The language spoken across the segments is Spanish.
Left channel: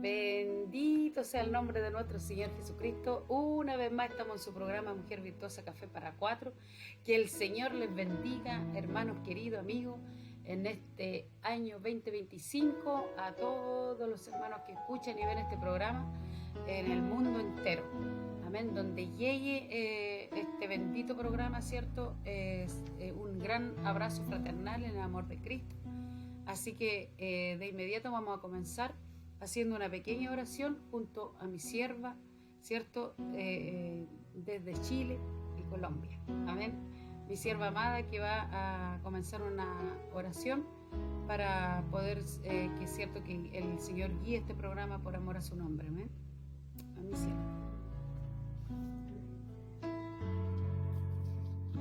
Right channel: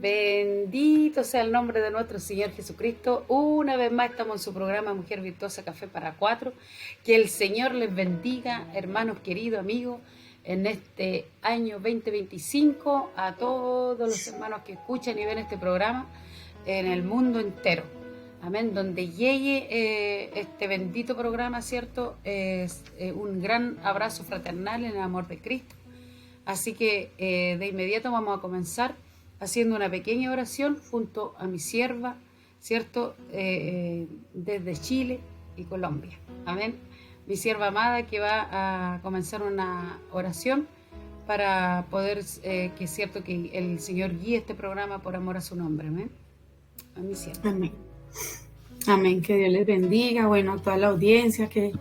Bendito sea el nombre de nuestro Señor Jesucristo. Una vez más estamos en su programa Mujer Virtuosa Café para Cuatro. Que el Señor les bendiga, hermanos queridos, amigos, en este año 2025, a todos los hermanos que escuchan y ven este programa en el mundo entero. Amén. Donde llegue este bendito programa, ¿cierto? Es un gran abrazo fraternal en el amor de Cristo. Así que de inmediato vamos a comenzar haciendo una pequeña oración junto a mi sierva, ¿cierto? Desde Chile y Colombia. Amén. Mi sierva amada que va a comenzar una oración para poder, que es cierto que el Señor guíe este programa por amor a su nombre. Amén. A mi sierva. Amén. Amén. Que Dios les bendiga. Bueno, a toda la audiencia que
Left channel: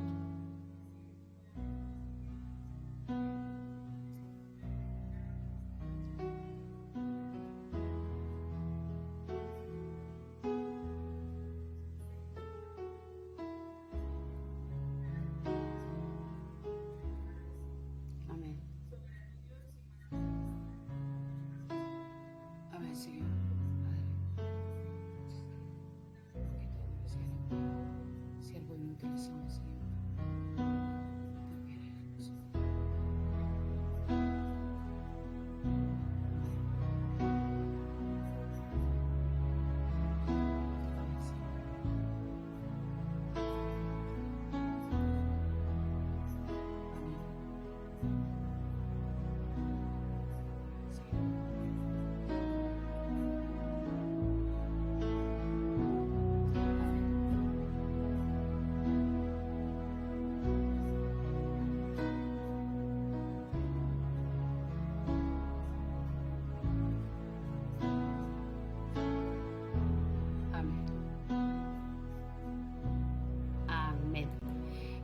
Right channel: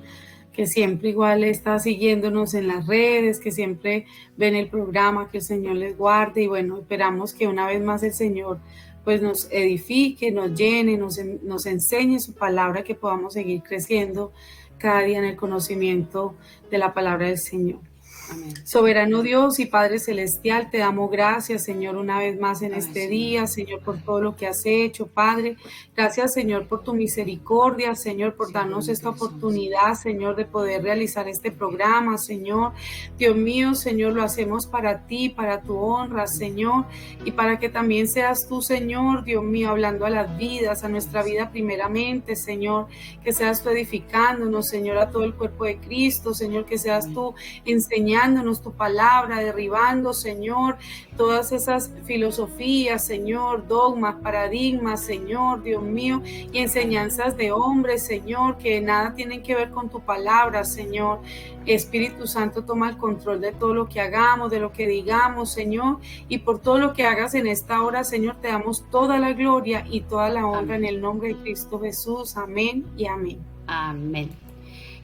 siempre igual está siguiéndonos en las redes, que siempre ven el programa, que el Señor les guarde y bueno, esperamos que una vez más el Señor pues nos edifique, nos llene, nos enseñe su palabra, que podamos seguir creciendo cada día en el conocimiento de la palabra del Señor. Amén. Soberano Dios y Padre Celestial, te damos gracias, Señor, una vez más en este día, Señor, por todo lo que has hecho, Padre. Gracias, Señor, por tu misericordia, Señor, por darnos esta oportunidad, Señor, de poder realizar este programa, Señor. Dios mío, Señor, lo hacemos para ti, para tu honra, Señor, y para que también seas tú, Señor, Dios mío, hablando a las vidas, a nuestra vida primeramente, Señor, que seas tú edificándonos, Señor, a todo el cuerpo de Cristo, Señor, que seas tú enseñándonos tu palabra, derribando, Señor, todas esas filosofías, Señor, dogmas, paradigmas, Señor, Dios mío, y enseñanzas de hombres, Señor, que nada tienen que ver con tu palabra, Señor. Espíritu Santo, toma el control de todo lo que hagamos, de lo que digamos, Señor, y por todo lo que hagas en esta hora, Señor, te damos toda la gloria y toda la honra en el nombre de Cristo Jesús. Amén y amén. Amén.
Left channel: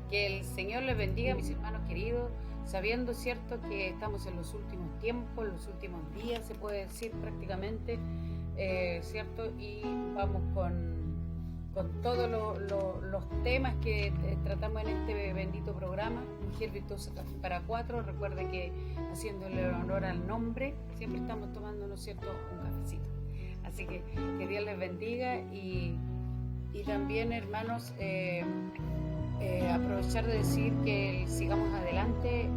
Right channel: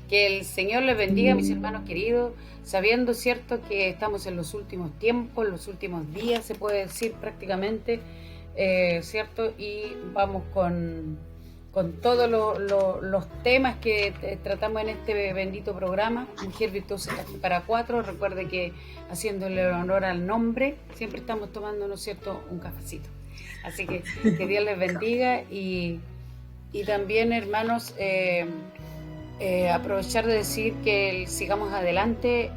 Que el Señor les bendiga, mis hermanos queridos, sabiendo, cierto, que estamos en los últimos tiempos, los últimos días, se puede decir prácticamente, cierto, y vamos con todos los temas que tratamos en este bendito programa, Mujer Virtuosa para Cuatro. Recuerde que haciéndole honor al nombre, siempre estamos tomando, ¿no es cierto?, un cafecito. Así que Dios les bendiga y también, hermanos, aprovechar de decir que sigamos adelante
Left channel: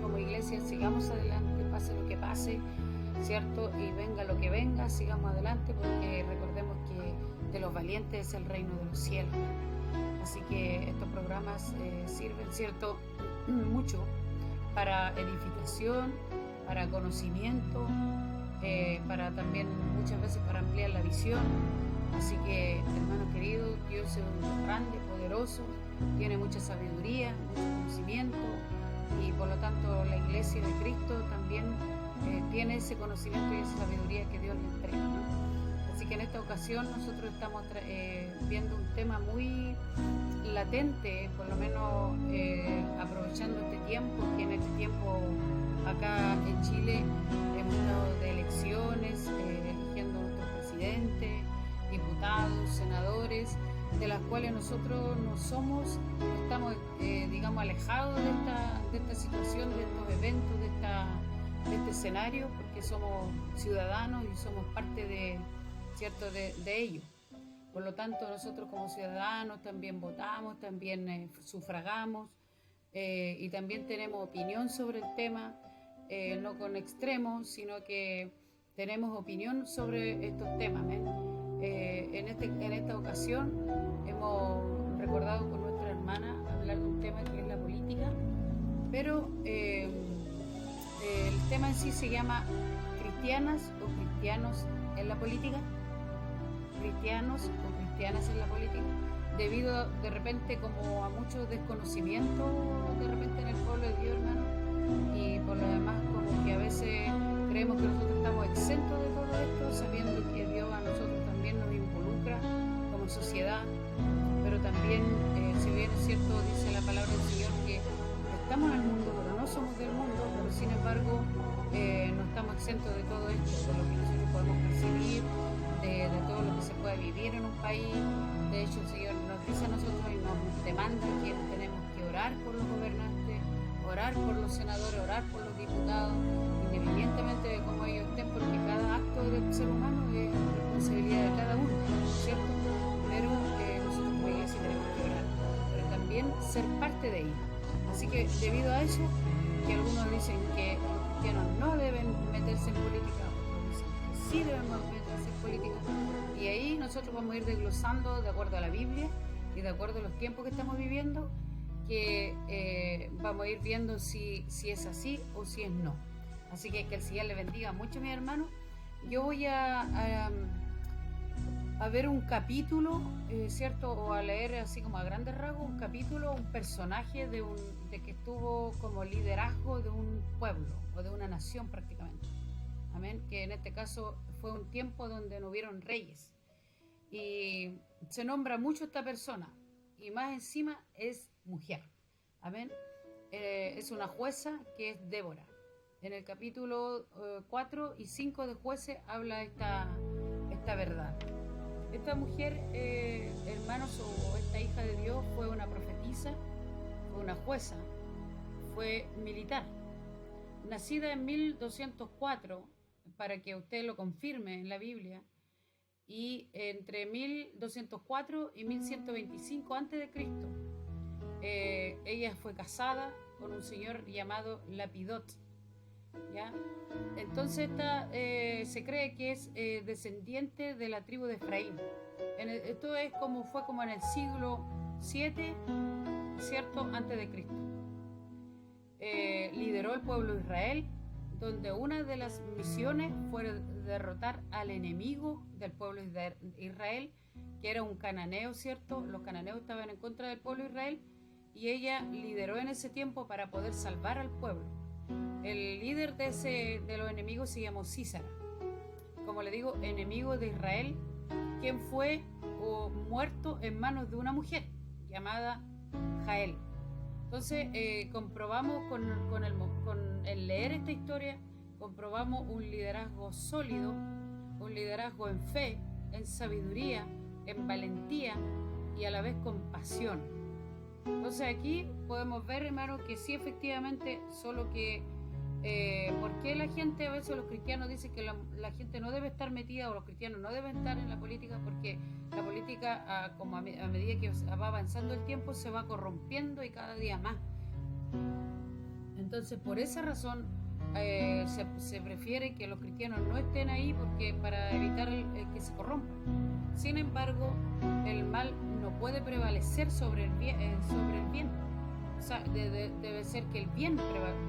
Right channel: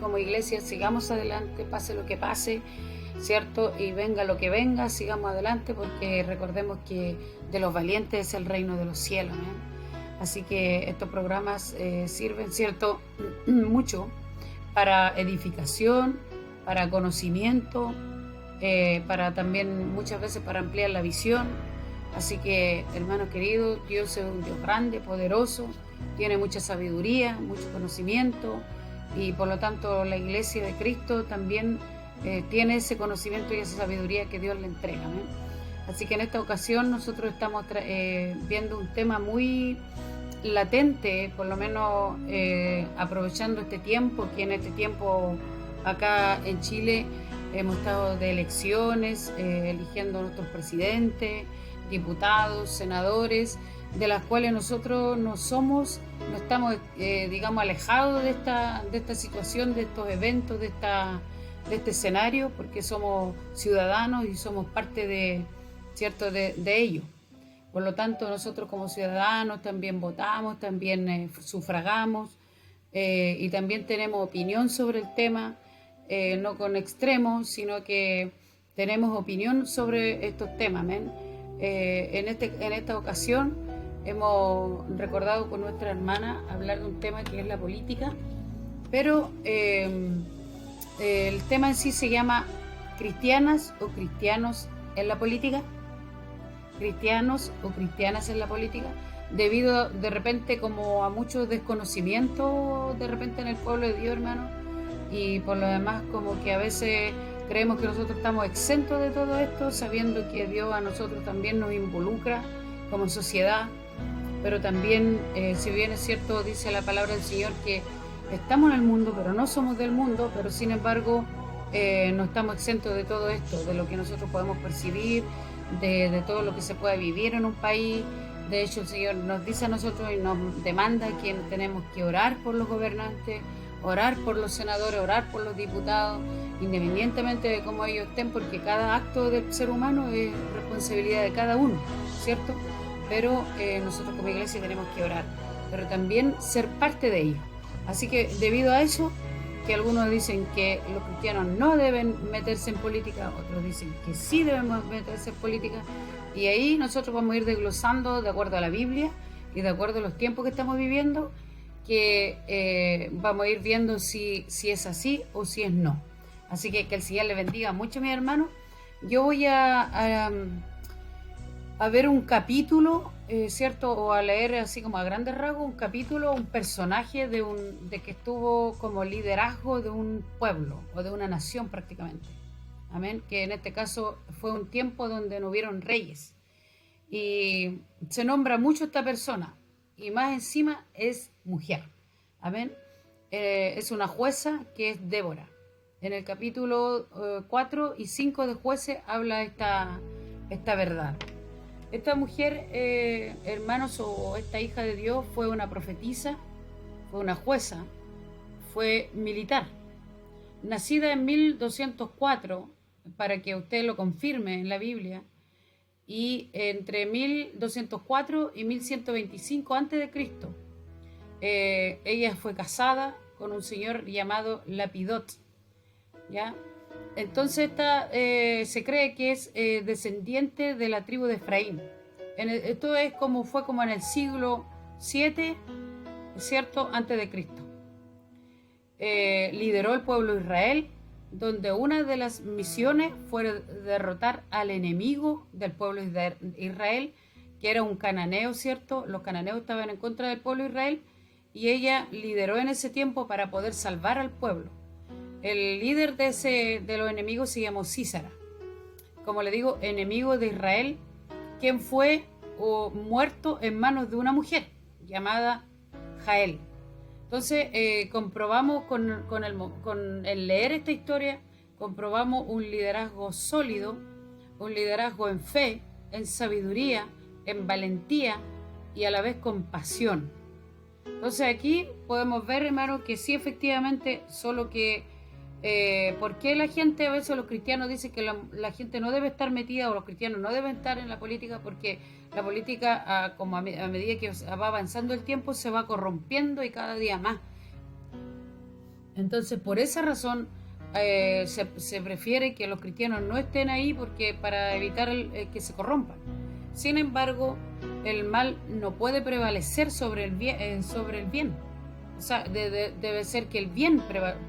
como iglesia, sigamos adelante, pase lo que pase, ¿cierto? Y venga lo que venga, sigamos adelante, porque recordemos que de los valientes es el reino de los cielos, ¿eh? Así que estos programas sirven, ¿cierto?, mucho para edificación, para conocimiento, para también muchas veces para ampliar la visión. Así que, hermanos queridos, Dios es un Dios grande, poderoso, tiene mucha sabiduría, mucho conocimiento, y por lo tanto la iglesia de Cristo también tiene ese conocimiento y esa sabiduría que Dios le entrega, ¿no? Así que en esta ocasión nosotros estamos viendo un tema muy latente, por lo menos aprovechando este tiempo, que en este tiempo acá en Chile hemos estado de elecciones, eligiendo a nuestros presidentes, diputados, senadores, de las cuales nosotros no estamos, digamos, alejados de esta situación, de estos eventos, de este escenario, porque somos ciudadanos y somos parte de ello. Por lo tanto, nosotros como ciudadanos también votamos, también sufragamos, y también tenemos opinión sobre el tema, no con extremos, sino que tenemos opinión sobre estos temas, ¿ven? En esta ocasión hemos recordado con nuestra hermana hablar de un tema que es la política, pero el tema en sí se llama ¿cristianas o cristianos en la política? ¿Cristianos o cristianas en la política? Debido de repente como a mucho desconocimiento de repente en el pueblo de Dios, hermano, y por lo demás como que a veces creemos que nosotros estamos exentos de todo esto, sabiendo que Dios a nosotros también nos involucra como sociedad, pero también, si bien es cierto, dice la palabra del Señor que estamos en el mundo, pero no somos del mundo, pero sin embargo no estamos exentos de todo esto, de lo que nosotros podemos percibir, de todo lo que se puede vivir en un país. De hecho, el Señor nos dice a nosotros y nos demanda que tenemos que orar por los gobernantes, orar por los senadores, orar por los diputados, independientemente de cómo ellos estén, porque cada acto del ser humano es responsabilidad de cada uno, ¿cierto? Pero nosotros como iglesia tenemos que orar, pero también ser parte de ello. Así que debido a eso, que algunos dicen que los cristianos no deben meterse en política, otros dicen que sí debemos meterse en política, y ahí nosotros vamos a ir desglosando de acuerdo a la Biblia y de acuerdo a los tiempos que estamos viviendo, que vamos a ir viendo si es así o si es no. Así que el Señor les bendiga mucho, mis hermanos. Yo voy a ver un capítulo, ¿cierto? O a leer así como a grandes rasgos un capítulo, un personaje de que estuvo como liderazgo de un pueblo o de una nación prácticamente. Amén. Que en este caso fue un tiempo donde no hubieron reyes. Y se nombra mucho esta persona. Y más encima es mujer. Amén. Es una jueza que es Débora. En el capítulo 4 y 5 de Jueces habla esta verdad. Esta mujer, hermanos, o esta hija de Dios, fue una profetisa, fue una jueza, fue militar. Nacida en 1204, para que usted lo confirme en la Biblia, y entre 1204 y 1125 a.C., ella fue casada con un señor llamado Lapidot, ¿ya? Entonces se cree que es descendiente de la tribu de Efraín. Esto fue como en el siglo 7, ¿cierto? Antes de Cristo. Lideró el pueblo de Israel, donde una de las misiones fue derrotar al enemigo del pueblo de Israel, que era un cananeo, ¿cierto? Los cananeos estaban en contra del pueblo de Israel, y ella lideró en ese tiempo para poder salvar al pueblo. El líder de los enemigos se llamó Sísara, como le digo, enemigo de Israel, quien fue muerto en manos de una mujer llamada Jael. Entonces comprobamos con el leer esta historia, comprobamos un liderazgo sólido, un liderazgo en fe, en sabiduría, en valentía y a la vez con pasión. Entonces aquí podemos ver, hermanos, que sí, efectivamente, solo que ¿por qué la gente, a veces los cristianos dicen que la gente no debe estar metida, o los cristianos no deben estar en la política? Porque la política, como a medida que va avanzando el tiempo, se va corrompiendo y cada día más. Entonces, por esa razón se prefiere que los cristianos no estén ahí, porque para evitar que se corrompan. Sin embargo, el mal no puede prevalecer sobre el bien. O sea, debe ser que el bien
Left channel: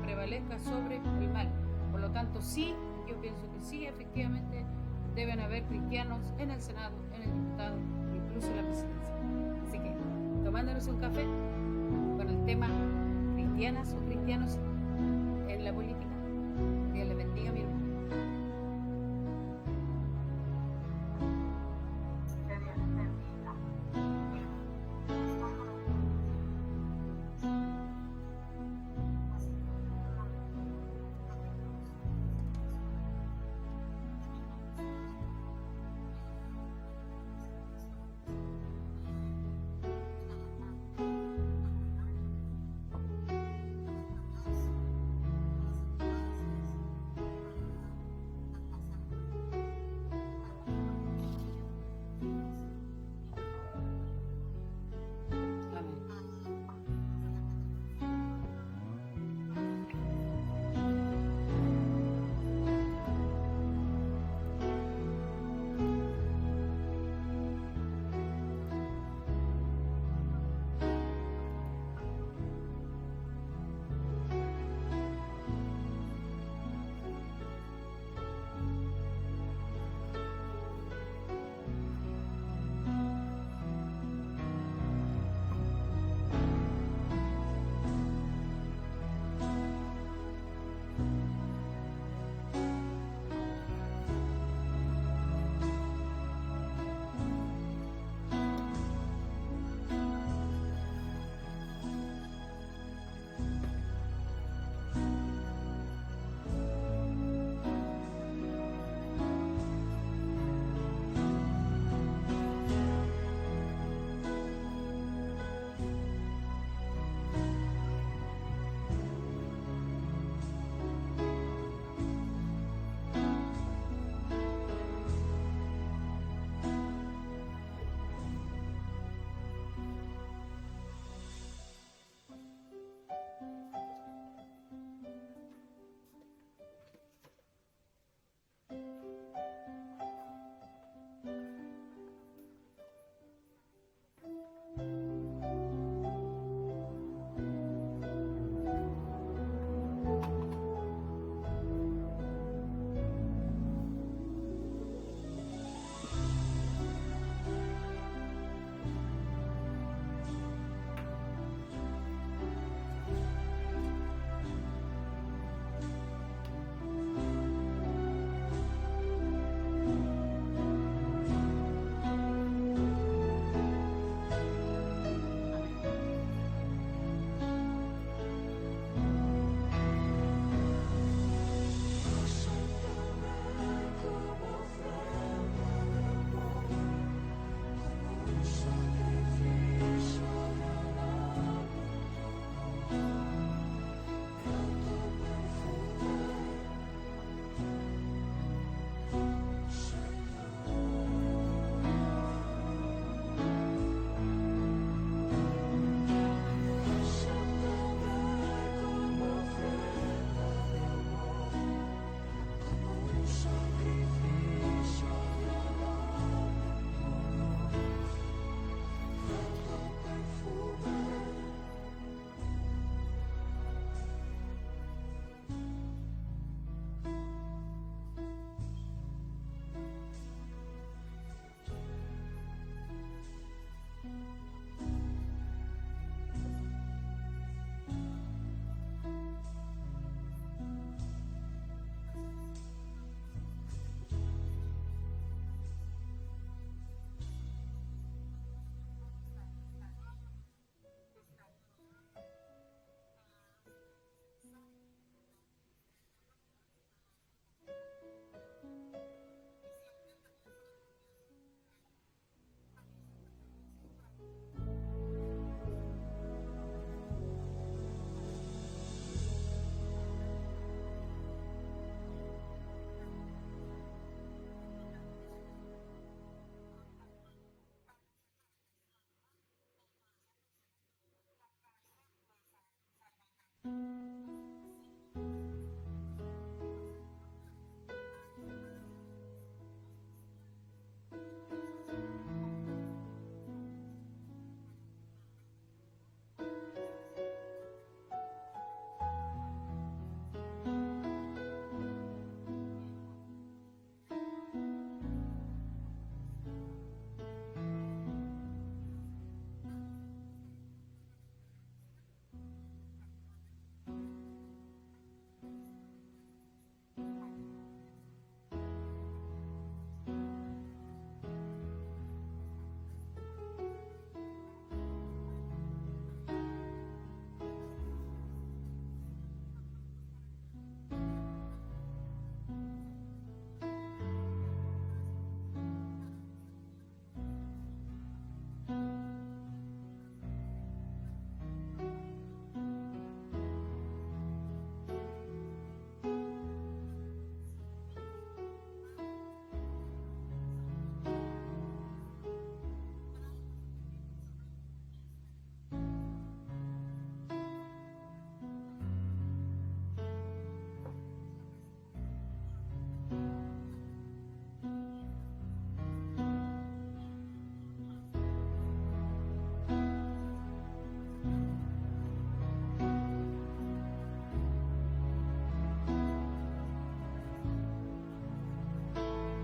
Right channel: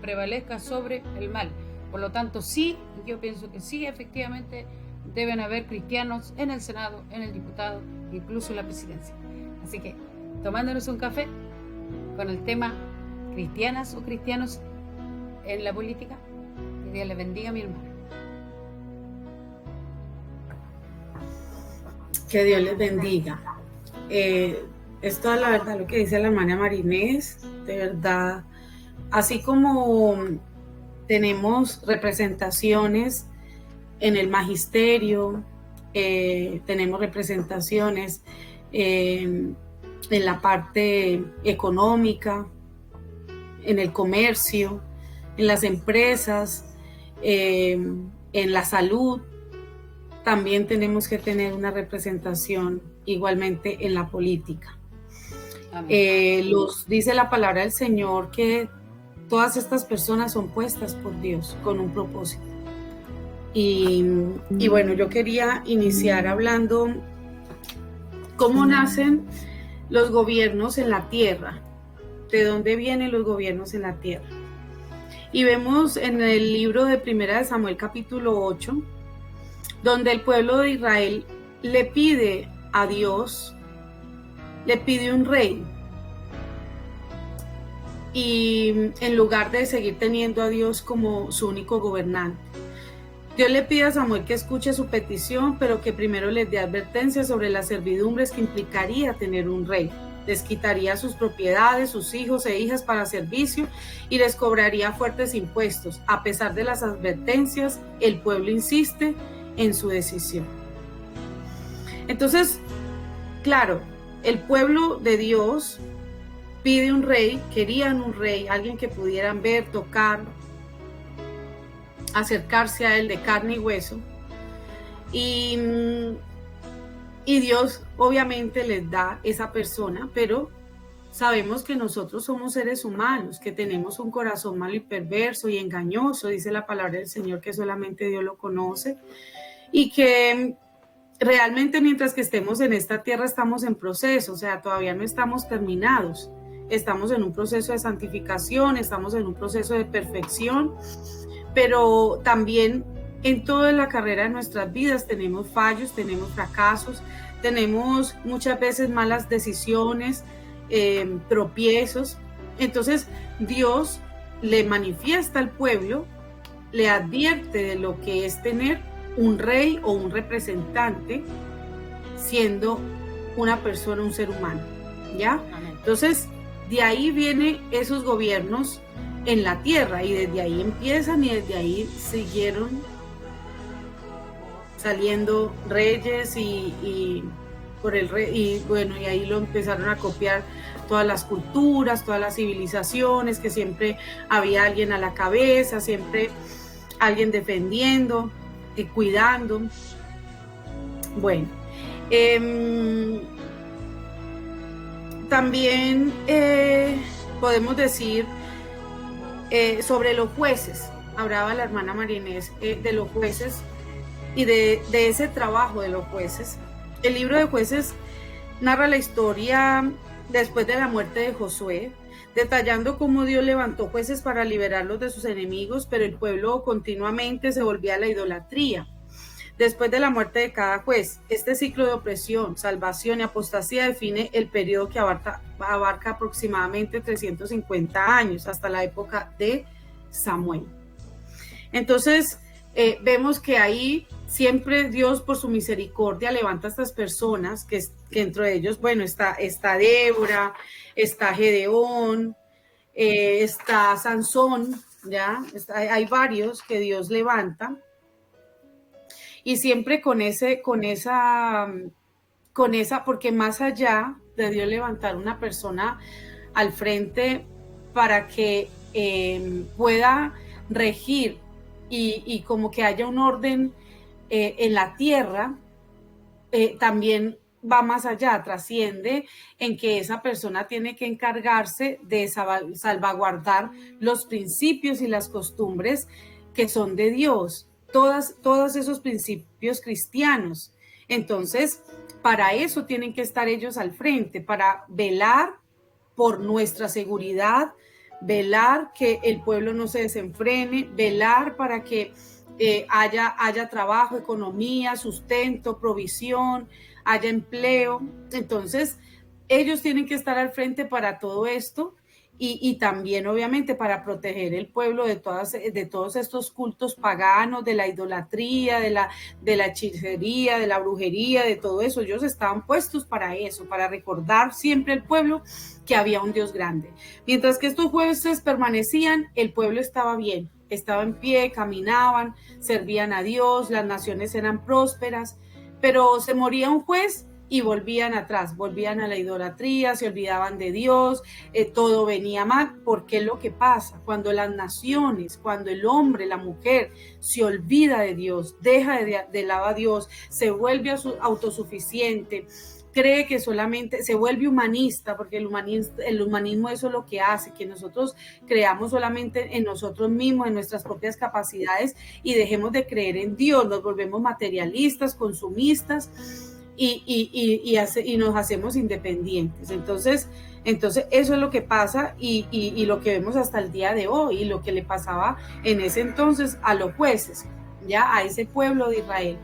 prevalezca sobre el mal. Por lo tanto, sí, yo pienso que sí, efectivamente, deben haber cristianos en el Senado, en el diputado, incluso en la presidencia. Así que, tomándonos un café con el tema cristianas o cristianos en la política, que Dios les bendiga, mi hermano. Que Dios les bendiga. Es toda la verdad lo que dice la hermana Marinés, de verdad. Así como tenemos representaciones en el magisterio, tenemos representaciones en la parte económica, en el comercio, en las empresas, en la salud, también tenemos que tener una representación igualmente en la política. Dice la palabra del Señor que todas estas personas son puestas por Dios con un propósito. Y bueno, yo quería iniciar hablando cómo nacen los gobiernos en la tierra, de dónde vienen los gobiernos en la tierra. Y vemos en el libro de Primera de Samuel capítulo 8, donde el pueblo de Israel le pide a Dios, le pide un rey, y en lugar de seguir teniendo a Dios como su único gobernante, Dios le pide a Samuel que escuche su petición, pero que primero les dé advertencia sobre las servidumbres que implicaría tener un rey. Les quitaría sus propiedades, sus hijos e hijas para servicio, y les cobraría fuertes impuestos. A pesar de las advertencias, el pueblo insiste en su decisión. Entonces, claro, el pueblo de Dios pide un rey, querían un rey, alguien que pudieran ver, tocar, acercarse a él de carne y hueso. Y Dios obviamente les da esa persona, pero sabemos que nosotros somos seres humanos, que tenemos un corazón malo y perverso y engañoso, dice la palabra del Señor, que solamente Dios lo conoce, y que realmente mientras que estemos en esta tierra estamos en proceso, o sea, todavía no estamos terminados, estamos en un proceso de santificación, estamos en un proceso de perfección, pero también en toda la carrera de nuestras vidas tenemos fallos, tenemos fracasos, tenemos muchas veces malas decisiones, tropiezos. Entonces Dios le manifiesta al pueblo, le advierte de lo que es tener un rey o un representante siendo una persona, un ser humano, ¿ya? Entonces, de ahí vienen esos gobiernos en la tierra y desde ahí empiezan y desde ahí siguieron saliendo reyes y por el rey, y bueno, y ahí lo empezaron a copiar todas las culturas, todas las civilizaciones, que siempre había alguien a la cabeza, siempre alguien defendiendo, cuidando. Bueno, también podemos decir sobre los jueces. Hablaba la hermana María Inés de los jueces y de ese trabajo de los jueces. El libro de Jueces narra la historia después de la muerte de Josué, detallando cómo Dios levantó jueces para liberarlos de sus enemigos, pero el pueblo continuamente se volvía a la idolatría. Después de la muerte de cada juez, este ciclo de opresión, salvación y apostasía define el periodo que abarca aproximadamente 350 años, hasta la época de Samuel. Entonces, vemos que ahí siempre Dios, por su misericordia, levanta a estas personas, que entre ellos, bueno, está Débora, está Gedeón, está Sansón, ¿ya? Hay varios que Dios levanta, y siempre con esa, porque más allá de Dios levantar una persona al frente para que pueda regir y como que haya un orden en la tierra, también va más allá, trasciende en que esa persona tiene que encargarse de salvaguardar los principios y las costumbres que son de Dios, todos esos principios cristianos. Entonces, para eso tienen que estar ellos al frente, para velar por nuestra seguridad, velar que el pueblo no se desenfrene, velar para que haya trabajo, economía, sustento, provisión, haya empleo. Entonces, ellos tienen que estar al frente para todo esto y también, obviamente, para proteger el pueblo de todos estos cultos paganos, de la idolatría, de la hechicería, de la brujería, de todo eso. Ellos estaban puestos para eso, para recordar siempre al pueblo que había un Dios grande. Mientras que estos jueces permanecían, el pueblo estaba bien, estaba en pie, caminaban, servían a Dios, las naciones eran prósperas, pero se moría un juez y volvían atrás, volvían a la idolatría, se olvidaban de Dios, todo venía mal, porque es lo que pasa cuando las naciones, cuando el hombre, la mujer se olvida de Dios, deja de lado a Dios, se vuelve autosuficiente, cree que solamente se vuelve humanista, porque el humanismo eso es lo que hace, que nosotros creamos solamente en nosotros mismos, en nuestras propias capacidades, y dejemos de creer en Dios, nos volvemos materialistas, consumistas, y nos hacemos independientes. Entonces eso es lo que pasa y lo que vemos hasta el día de hoy, y lo que le pasaba en ese entonces a los jueces, ya a ese pueblo de Israel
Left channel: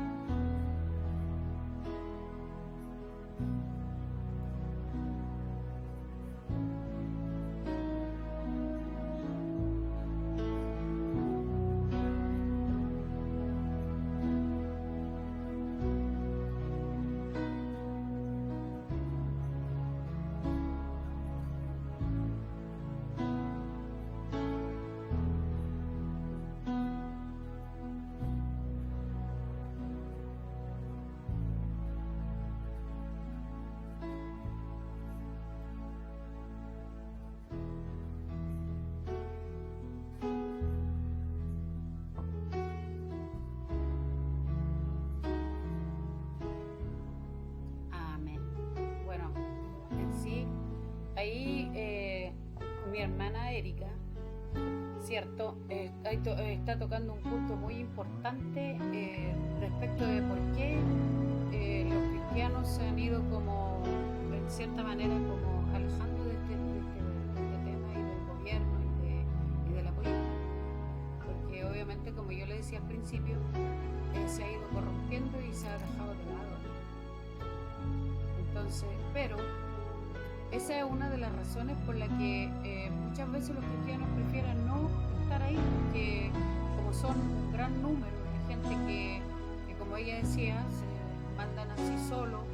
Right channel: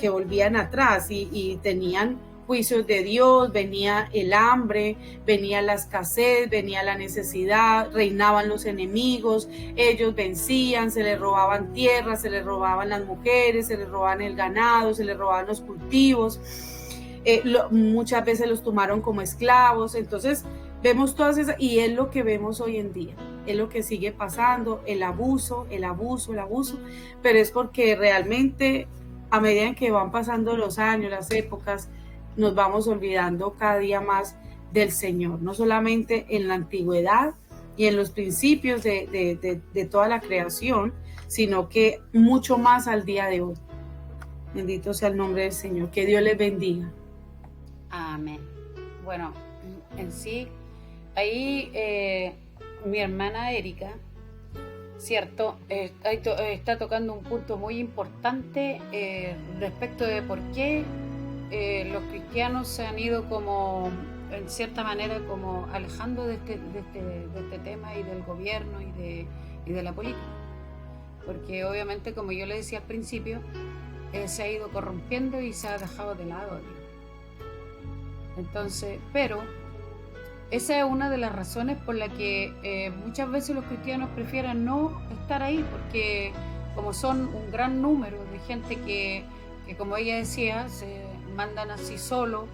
que volvían atrás y tenían juicios de Dios, venía el hambre, venía la escasez, venía la necesidad, reinaban los enemigos, ellos vencían, se les robaban tierras, se les robaban las mujeres, se les robaban el ganado, se les robaban los cultivos, muchas veces los tomaron como esclavos. Entonces vemos todas esas, y es lo que vemos hoy en día, es lo que sigue pasando, el abuso, pero es porque realmente a medida que van pasando los años, las épocas, nos vamos olvidando cada día más del Señor, no solamente en la antigüedad y en los principios de toda la creación, sino que mucho más al día de hoy. Bendito sea el nombre del Señor. Que Dios les bendiga. Amén. Bueno, en sí, ahí mi hermana Erika, cierto, está tocando un punto muy importante respecto de por qué los cristianos se han ido como, en cierta manera, como alejando de este tema y del gobierno y de la política. Porque obviamente, como yo le decía al principio, se ha ido corrompiendo y se ha dejado de lado. Entonces, pero esa es una de las razones por la que muchas veces los cristianos prefieren no estar ahí, porque como son un gran número de gente que como ella decía, se mandan así solo,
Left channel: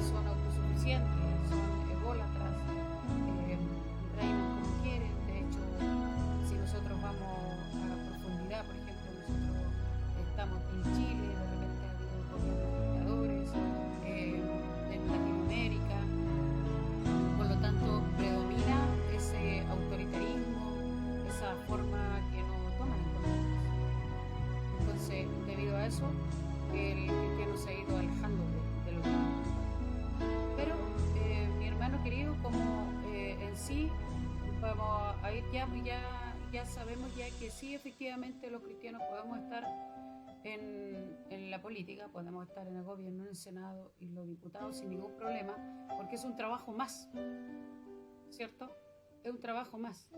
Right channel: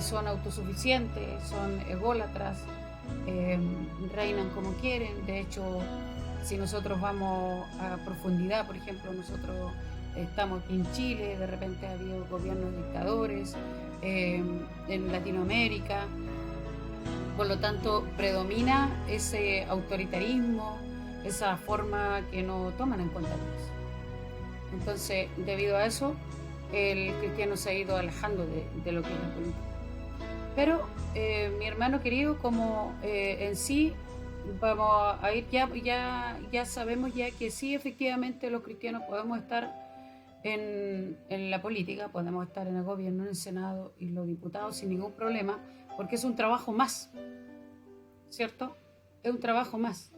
son autosuficientes, son ególatras, reinan como quieren. De hecho, si nosotros vamos a profundidad, por ejemplo, nosotros estamos en Chile, de repente ha habido gobiernos dictadores, en Latinoamérica, por lo tanto predomina ese autoritarismo, esa forma que no toman en cuenta. Entonces, debido a eso, el cristiano se ha ido alejando de lo que es la política. Pero mi hermano querido, como en sí vamos a ir, ya sabemos ya que sí, efectivamente los cristianos podemos estar en la política, podemos estar en el gobierno, en el Senado y los diputados sin ningún problema, porque es un trabajo más, ¿cierto? Es un trabajo más.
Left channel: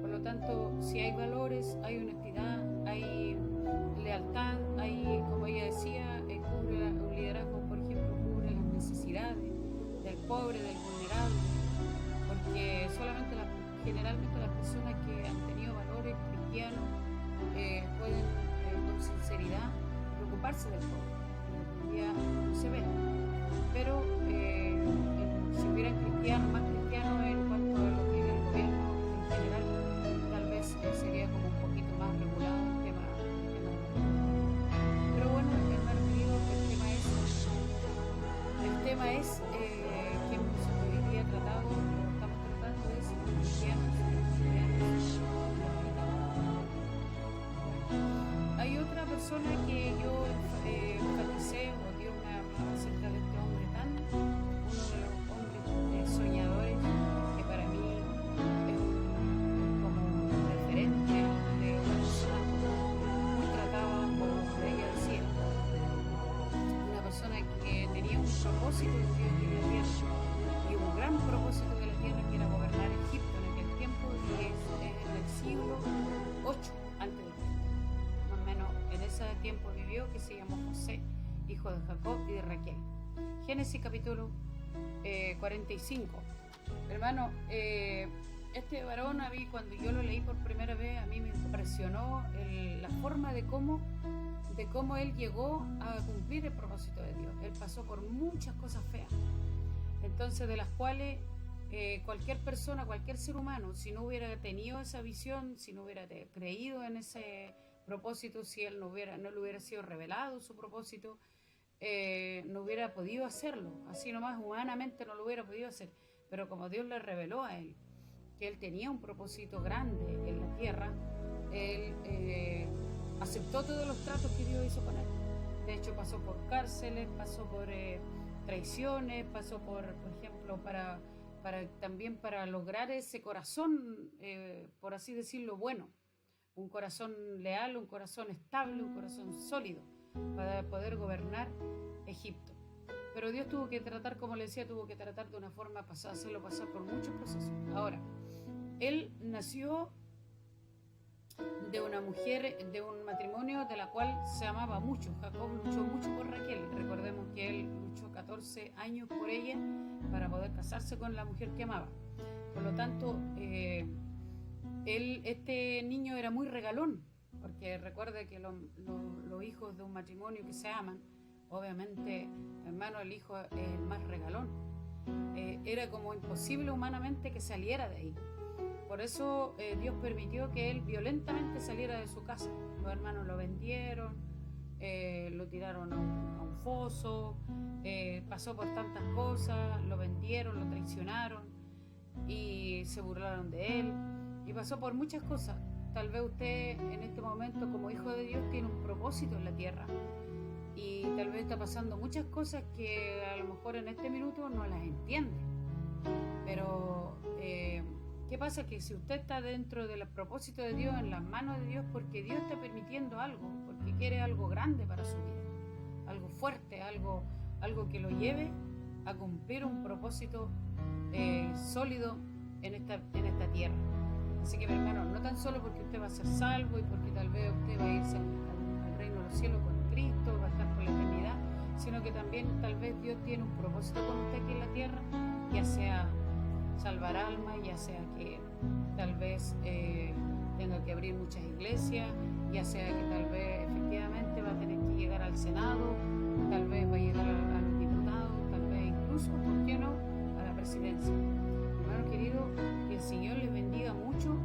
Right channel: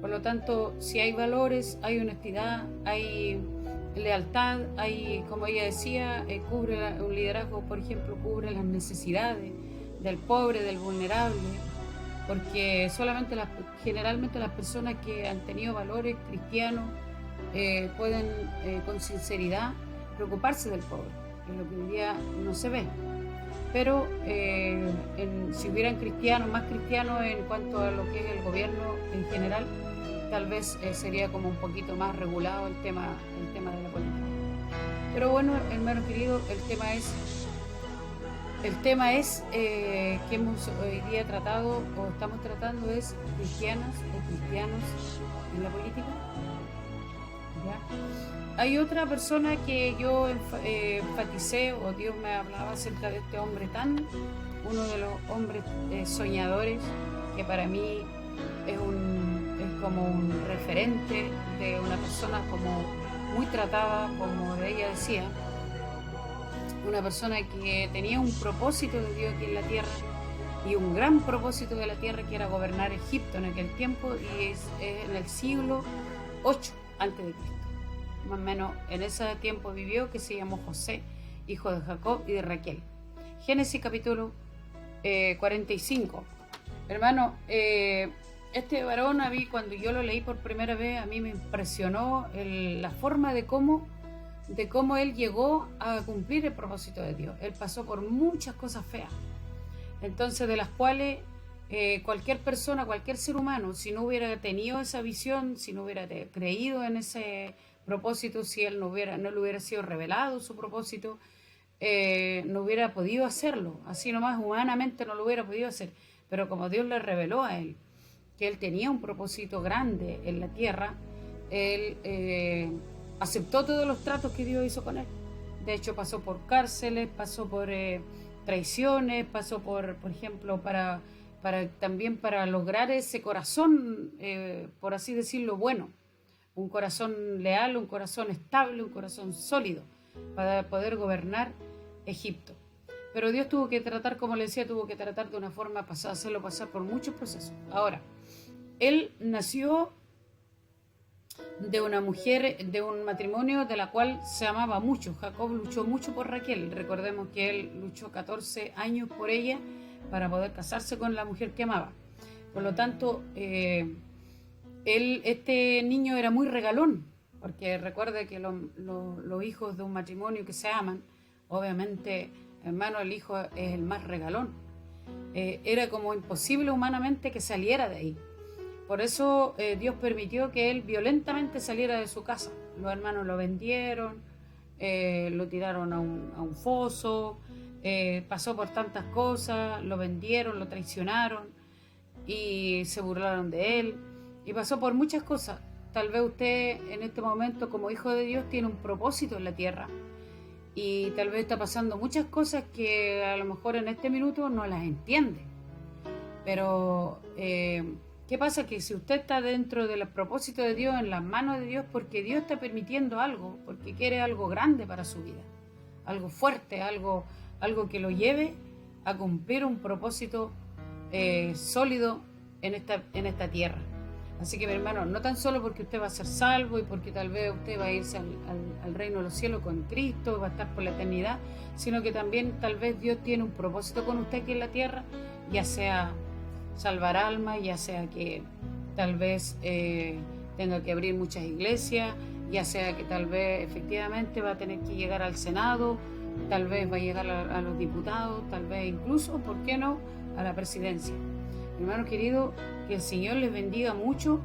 Por lo tanto, si hay valores, hay honestidad, hay lealtad, hay, como ella decía, cubre un liderazgo, por ejemplo, cubre las necesidades del pobre, del vulnerable, porque generalmente las personas que han tenido valores cristianos pueden con sinceridad preocuparse del pobre, en lo que hoy día no se ve. Pero si hubieran más cristianos en cuanto a lo que es el gobierno en general, tal vez sería como un poquito más regulado el tema de la política. Pero bueno, hermano querido, el tema es que hemos hoy día tratado o estamos tratando es cristianos en la política. ¿Ya? Hay otra persona que yo enfaticé, o Dios me hablaba acerca de este hombre uno de los hombres soñadores, que para mí es como un referente de una persona como muy tratada, como ella decía, una persona que tenía un propósito de Dios aquí en la tierra, y un gran propósito de la tierra, que era gobernar Egipto en aquel tiempo, y es en el siglo 8 antes de Cristo. Más o menos en ese tiempo vivió, que se llamó José, hijo de Jacob y de Raquel. Génesis capítulo 45. Hermano, este varón, cuando yo lo leí por primera vez, a mí me impresionó la forma de cómo él llegó a cumplir el propósito de Dios. Él pasó por muchas cosas feas, entonces de las cuales cualquier persona, cualquier ser humano, si no hubiera tenido esa visión, si no hubiera creído en ese propósito, si él no le hubiera sido revelado su propósito, no hubiera podido hacerlo. Así nomás humanamente no lo hubiera podido hacer. Pero como Dios le reveló a él que él tenía un propósito grande en la tierra, él aceptó todos los tratos que Dios hizo con él. De hecho, pasó por cárceles, pasó por traiciones, pasó por ejemplo, también para lograr ese corazón, por así decirlo, bueno, un corazón leal, un corazón estable, un corazón sólido, para poder gobernar Egipto. Pero Dios tuvo que tratar, como le decía, de una forma hacerlo pasar por muchos procesos. Ahora, él nació de una mujer, de un matrimonio de la cual se amaba mucho. Jacob luchó mucho por Raquel. Recordemos que él luchó 14 años por ella para poder casarse con la mujer que amaba. Por lo tanto, este niño era muy regalón, porque recuerde que los hijos de un matrimonio que se aman, obviamente, hermano, el hijo es el más regalón. Era como imposible humanamente que saliera de ahí. Por eso Dios permitió que él violentamente saliera de su casa. Los hermanos lo vendieron, lo tiraron a un foso, pasó por tantas cosas, lo vendieron, lo traicionaron y se burlaron de él y pasó por muchas cosas. Tal vez usted en este momento como hijo de Dios tiene un propósito en la tierra y tal vez está pasando muchas cosas que a lo mejor en este minuto no las entiende. Pero ¿qué pasa? Que si usted está dentro del propósito de Dios, en las manos de Dios, porque Dios está permitiendo algo, porque quiere algo grande para su vida, algo fuerte, algo que lo lleve a cumplir un propósito sólido en esta tierra. Así que mi hermano, no tan solo porque usted va a ser salvo y porque tal vez usted va a irse al reino de los cielos con Cristo, va a estar por la eternidad, sino que también tal vez Dios tiene un propósito con usted aquí en la tierra, ya sea salvar almas, ya sea que tal vez tenga que abrir muchas iglesias, ya sea que tal vez efectivamente va a tener que llegar al Senado, tal vez va a llegar a los diputados, tal vez incluso, ¿por qué no?, a la presidencia. Hermano querido, que el Señor les bendiga mucho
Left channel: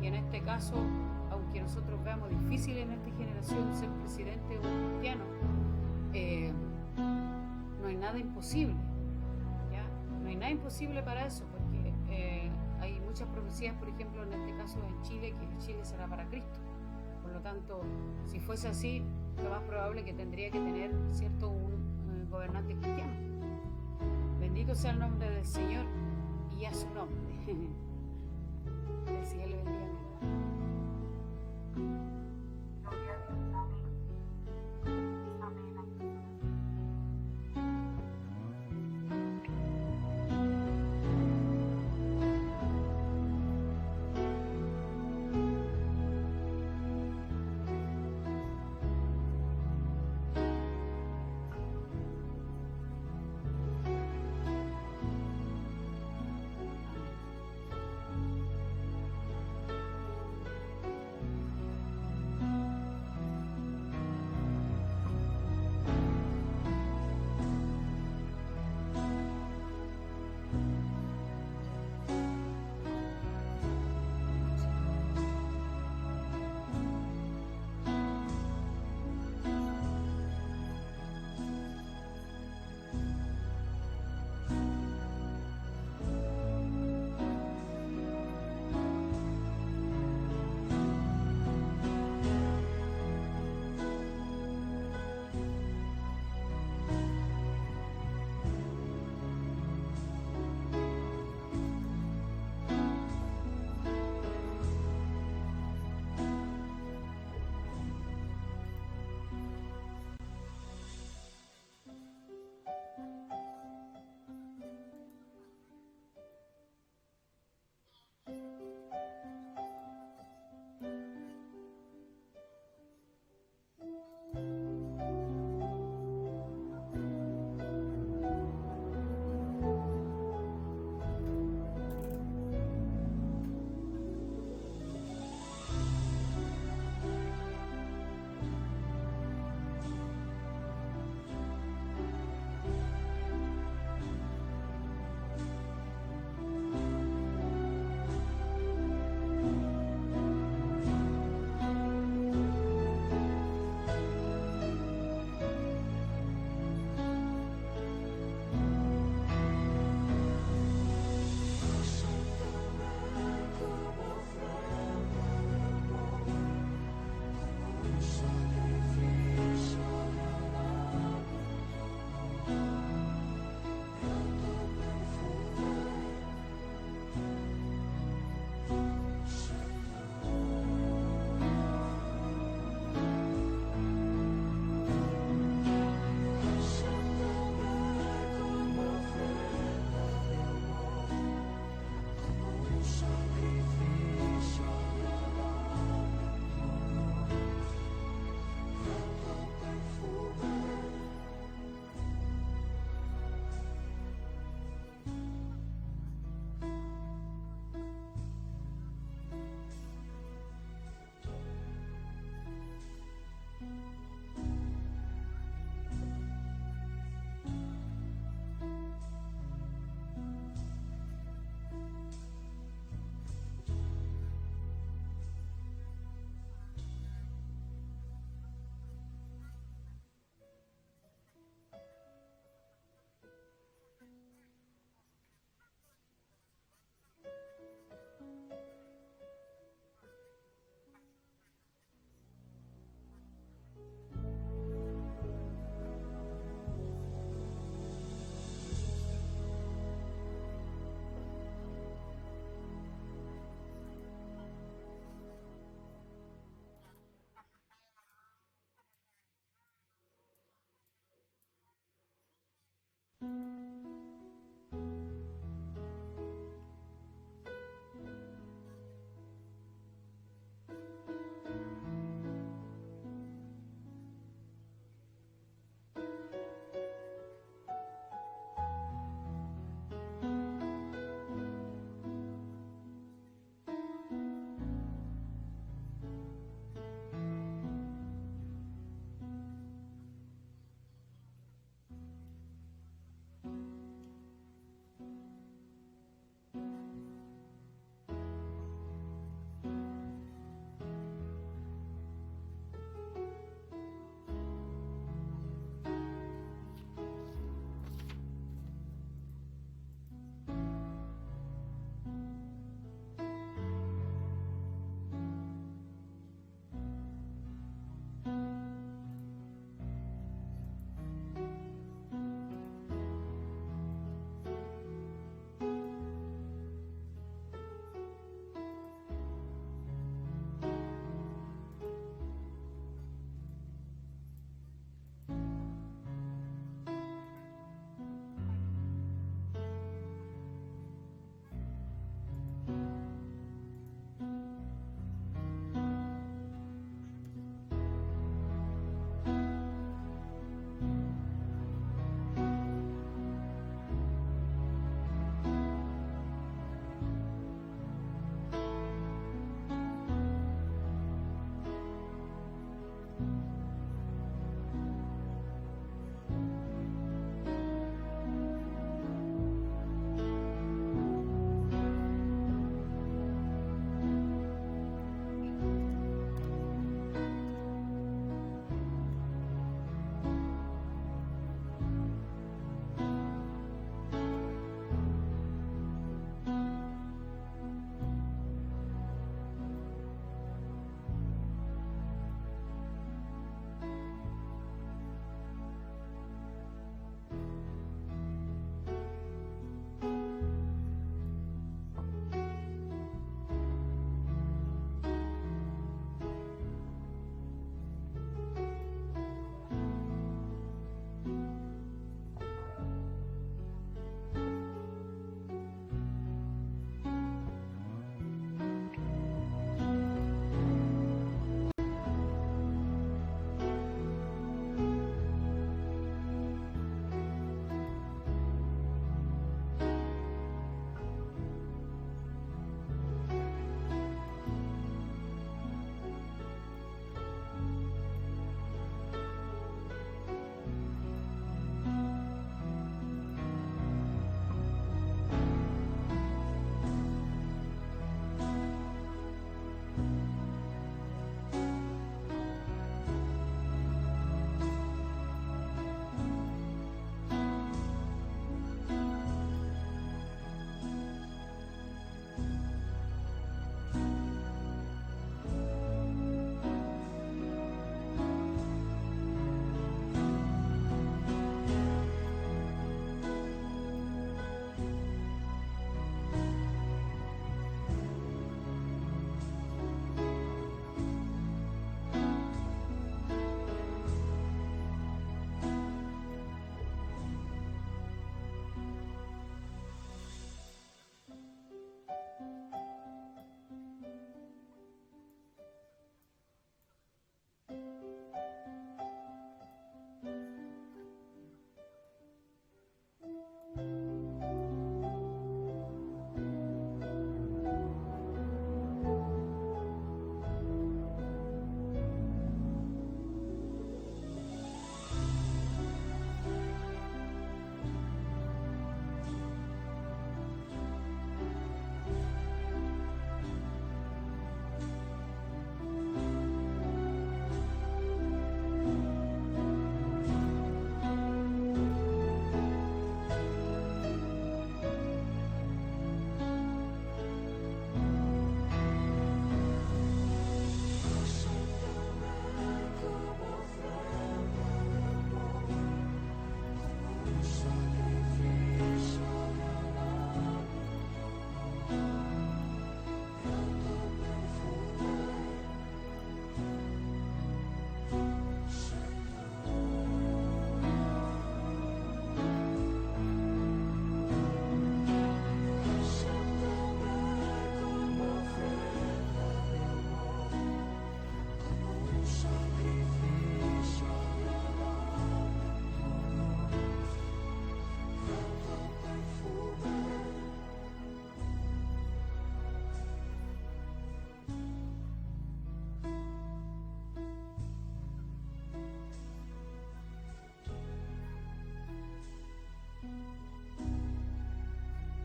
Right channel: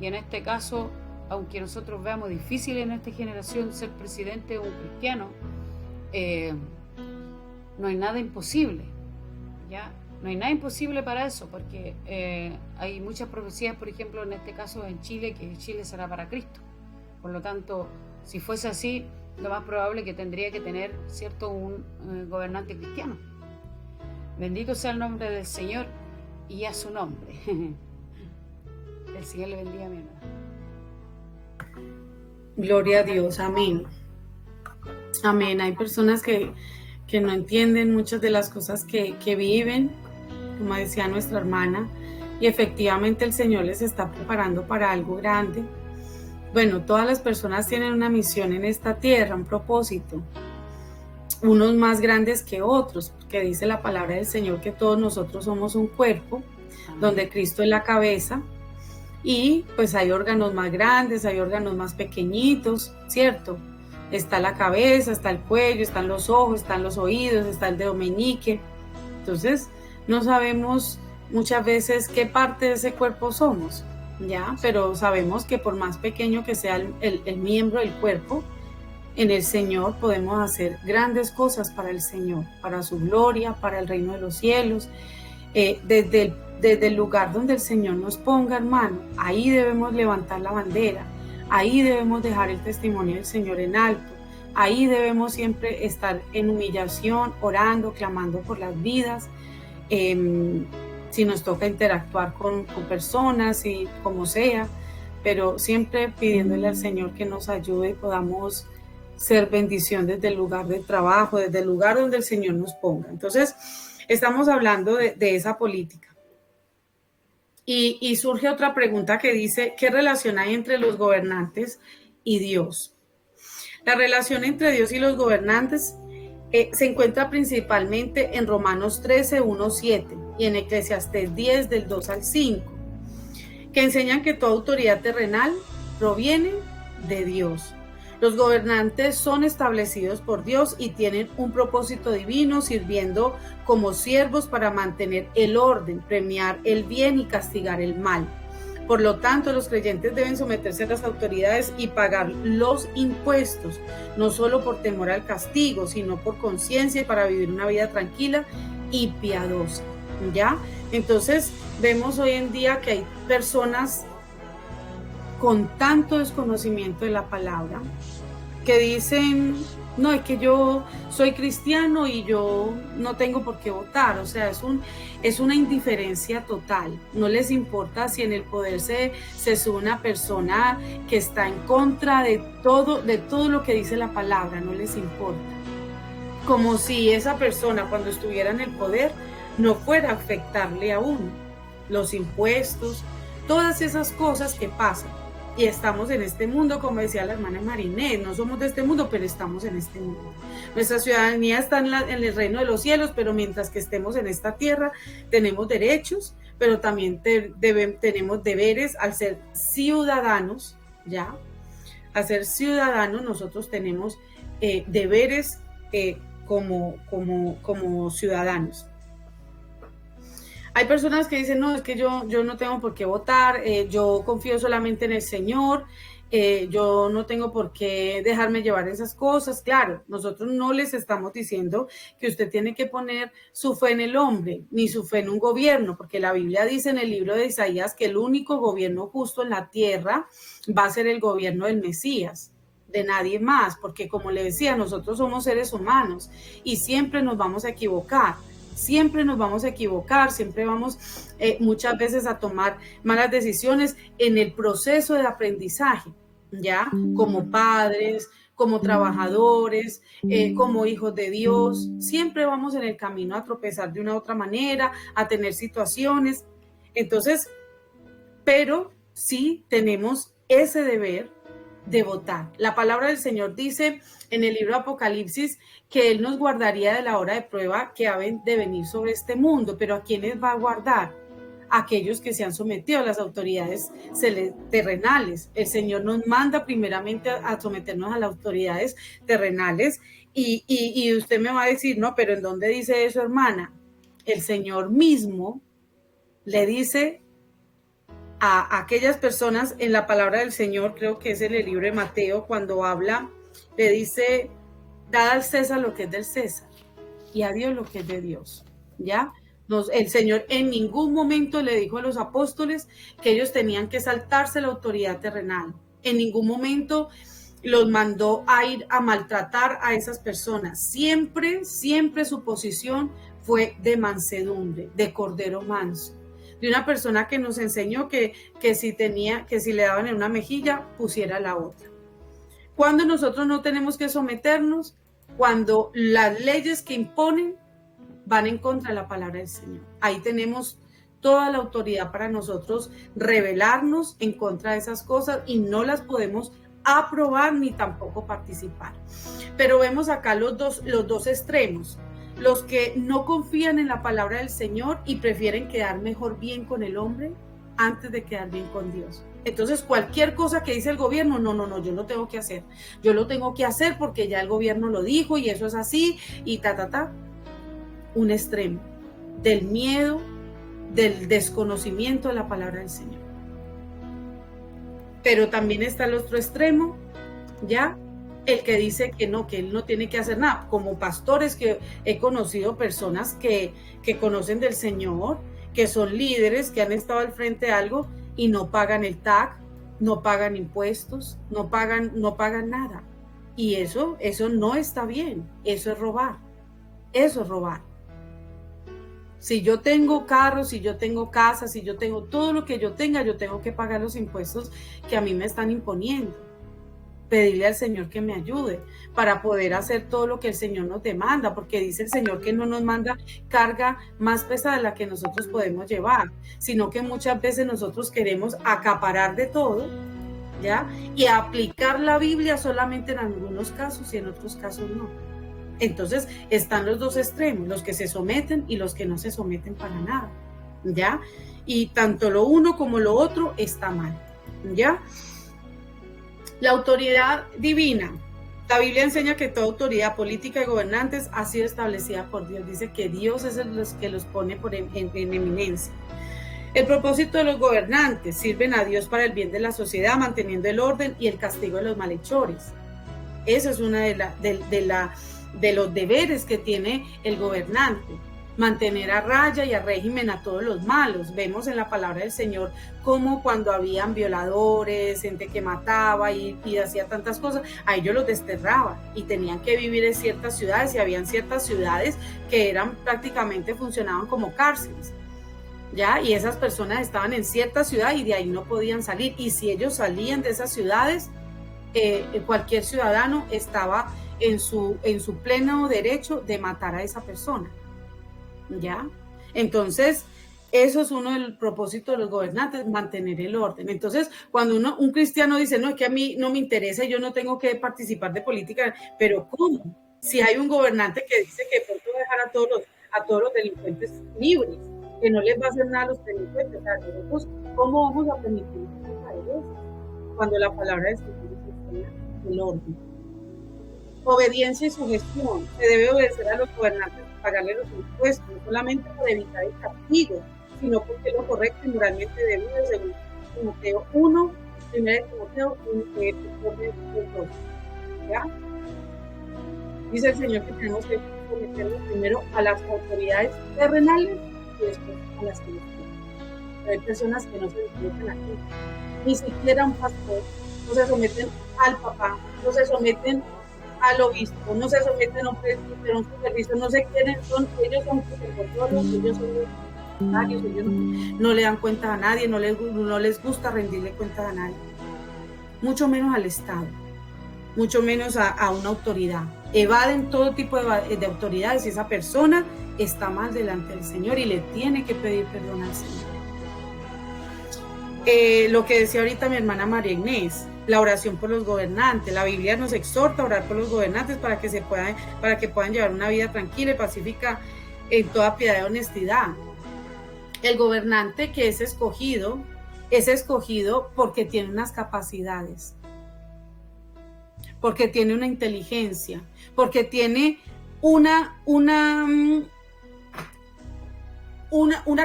y en este caso, aunque nosotros veamos difícil en esta generación ser presidente o un cristiano, no hay nada imposible, ¿ya? No hay nada imposible para eso, porque hay muchas profecías, por ejemplo, en este caso en Chile, que Chile será para Cristo. Por lo tanto, si fuese así, lo más probable es que tendría que tener, ¿cierto?, un gobernante cristiano. Bendito sea el nombre del Señor y a su nombre. El Señor le bendiga, mi hermano. Gloria a Dios, amén. Amén. Hay personas que no entienden muchas de las cosas que viven, como decía nuestra hermana, y efectivamente el Señor les está preparando para algo grande. Bueno, todas las personas tienen una misión en esta tierra, un propósito, unos más grandes que otros, porque dice la palabra del Señor que todos nosotros somos un cuerpo, donde Cristo es la cabeza, y pues hay órganos más grandes, hay órganos más pequeñitos, ¿cierto? Está la cabeza, está el cuello, están los ojos, están los oídos, está el dedo meñique. Entonces, no sabemos muchas veces qué parte de ese cuerpo somos, ¿ya? Pero sabemos que por más pequeño que sea el miembro del cuerpo, en el Señor podemos hacer grandes cosas para el Señor, para su gloria, para el reino de los cielos. Desde el lugar donde el Señor nos ponga, hermano, ahí debemos levantar la bandera, ahí debemos dejar el testimonio del Señor en alto, ahí debemos siempre estar en humillación, orando, clamando por las vidas. Si nos toca interactuar con personas y como sea, pero siempre pidiéndole al Señor que nos ayude y podamos ser bendición desde el lugar de trabajo, desde el lugar donde el Señor nos ponga. Entonces, estamos hablando de esa política. Y surge otra pregunta que dice, ¿qué relación hay entre los gobernantes y Dios? La relación entre Dios y los gobernantes se encuentra principalmente en Romanos 13, 1, 7 y en Eclesiastés 10, del 2 al 5, que enseñan que toda autoridad terrenal proviene de Dios. Los gobernantes son establecidos por Dios y tienen un propósito divino, sirviendo como siervos para mantener el orden, premiar el bien y castigar el mal. Por lo tanto, los creyentes deben someterse a las autoridades y pagar los impuestos, no solo por temor al castigo, sino por conciencia y para vivir una vida tranquila y piadosa, ¿ya? Entonces, vemos hoy en día que hay personas con tanto desconocimiento de la palabra que dicen, no, es que yo soy cristiano y yo no tengo por qué votar. O sea, es una indiferencia total. No les importa si en el poder se sube una persona que está en contra de todo lo que dice la palabra, no les importa. Como si esa persona cuando estuviera en el poder no fuera a afectarle a uno. Los impuestos, todas esas cosas que pasan. Y estamos en este mundo, como decía la hermana Marinette, no somos de este mundo, pero estamos en este mundo. Nuestra ciudadanía está en el reino de los cielos, pero mientras que estemos en esta tierra, tenemos derechos, pero también tenemos deberes al ser ciudadanos, ¿ya? Al ser ciudadanos, nosotros tenemos deberes como ciudadanos. Hay personas que dicen, no, es que yo no tengo por qué votar, yo confío solamente en el Señor yo no tengo por qué dejarme llevar esas cosas. Claro, nosotros no les estamos diciendo que usted tiene que poner su fe en el hombre, ni su fe en un gobierno, porque la Biblia dice en el libro de Isaías que el único gobierno justo en la tierra va a ser el gobierno del Mesías, de nadie más, porque como le decía, nosotros somos seres humanos y siempre nos vamos a equivocar. Siempre nos vamos a equivocar, siempre vamos muchas veces a tomar malas decisiones en el proceso de aprendizaje, ¿ya? Como padres, como trabajadores, como hijos de Dios, siempre vamos en el camino a tropezar de una u otra manera, a tener situaciones. Entonces, pero sí tenemos ese deber de votar. La palabra del Señor dice en el libro de Apocalipsis que Él nos guardaría de la hora de prueba que ha de venir sobre este mundo, pero ¿a quiénes va a guardar? Aquellos que se han sometido a las autoridades terrenales. El Señor nos manda primeramente a someternos a las autoridades terrenales y usted me va a decir, no, pero ¿en dónde dice eso, hermana? El Señor mismo le dice a aquellas personas en la palabra del Señor, creo que es en el libro de Mateo, cuando habla, le dice, dad al César lo que es del César y a Dios lo que es de Dios, ¿ya? El Señor en ningún momento le dijo a los apóstoles que ellos tenían que saltarse la autoridad terrenal. En ningún momento los mandó a ir a maltratar a esas personas. Siempre, siempre su posición fue de mansedumbre, de cordero manso, de una persona que nos enseñó que si le daban en una mejilla, pusiera la otra. Cuando nosotros no tenemos que someternos, cuando las leyes que imponen van en contra de la palabra del Señor. Ahí tenemos toda la autoridad para nosotros rebelarnos en contra de esas cosas y no las podemos aprobar ni tampoco participar. Pero vemos acá los dos extremos. Los que no confían en la palabra del Señor y prefieren quedar mejor bien con el hombre antes de quedar bien con Dios. Entonces, cualquier cosa que dice el gobierno, no, yo lo tengo que hacer. Yo lo tengo que hacer porque ya el gobierno lo dijo y eso es así y un extremo del miedo, del desconocimiento de la palabra del Señor. Pero también está el otro extremo, ¿ya? El que dice que él no tiene que hacer nada. Como pastores que he conocido personas que conocen del Señor, que son líderes, que han estado al frente de algo y no pagan el TAC, no pagan impuestos, no pagan nada. Y eso no está bien, eso es robar. Eso es robar. Si yo tengo carros, si yo tengo casas, si yo tengo todo lo que yo tenga, yo tengo que pagar los impuestos que a mí me están imponiendo. Pedirle al Señor que me ayude para poder hacer todo lo que el Señor nos demanda, porque dice el Señor que no nos manda carga más pesada de la que nosotros podemos llevar, sino que muchas veces nosotros queremos acaparar de todo, ¿ya? Y aplicar la Biblia solamente en algunos casos y en otros casos no. Entonces están los dos extremos, los que se someten y los que no se someten para nada, ¿ya? Y tanto lo uno como lo otro está mal, ¿ya? La autoridad divina. La Biblia enseña que toda autoridad política y gobernantes ha sido establecida por Dios. Dice que Dios es el que los pone en eminencia. El propósito de los gobernantes: sirven a Dios para el bien de la sociedad, manteniendo el orden y el castigo de los malhechores. Esa es una de los deberes que tiene el gobernante. Mantener a raya y a régimen a todos los malos. Vemos en la palabra del Señor cómo cuando habían violadores, gente que mataba y hacía tantas cosas, a ellos los desterraba y tenían que vivir en ciertas ciudades, y habían ciertas ciudades que prácticamente funcionaban como cárceles, ¿ya? Y esas personas estaban en cierta ciudad y de ahí no podían salir, y si ellos salían de esas ciudades, cualquier ciudadano estaba en su pleno derecho de matar a esa persona, ¿ya? Entonces, eso es uno del propósito de los gobernantes, mantener el orden. Entonces, cuando un cristiano dice, no, es que a mí no me interesa, yo no tengo que participar de política, pero ¿cómo? Si hay un gobernante que dice que pronto va a dejar a todos los delincuentes libres, que no les va a hacer nada a los delincuentes, ¿cómo vamos a permitir eso? Cuando la palabra de Dios es el orden. Obediencia y sugestión. Se debe obedecer a los gobernantes, pagarle los impuestos, no solamente para evitar el castigo, sino porque es lo correcto y moralmente debido, según Timoteo 1, Primera de Timoteo 1, ¿ya? Dice el Señor que tenemos que someternos primero a las autoridades terrenales y después a las celestiales. Hay personas que no se someten aquí, ni siquiera a un pastor, no se someten al papá, no se someten al obispo, no se someten a un presbítero, a un supervisor, no se quieren, ellos son supervisores, ellos son los ellos no le dan cuenta a nadie, no les gusta rendirle cuenta a nadie, mucho menos al Estado, mucho menos a una autoridad. Evaden todo tipo de autoridades y esa persona está mal delante del Señor y le tiene que pedir perdón al Señor. Lo que decía ahorita mi hermana María Inés, la oración por los gobernantes. La Biblia nos exhorta a orar por los gobernantes para que puedan llevar una vida tranquila y pacífica en toda piedad y honestidad. El gobernante que es escogido porque tiene unas capacidades, porque tiene una inteligencia, porque tiene una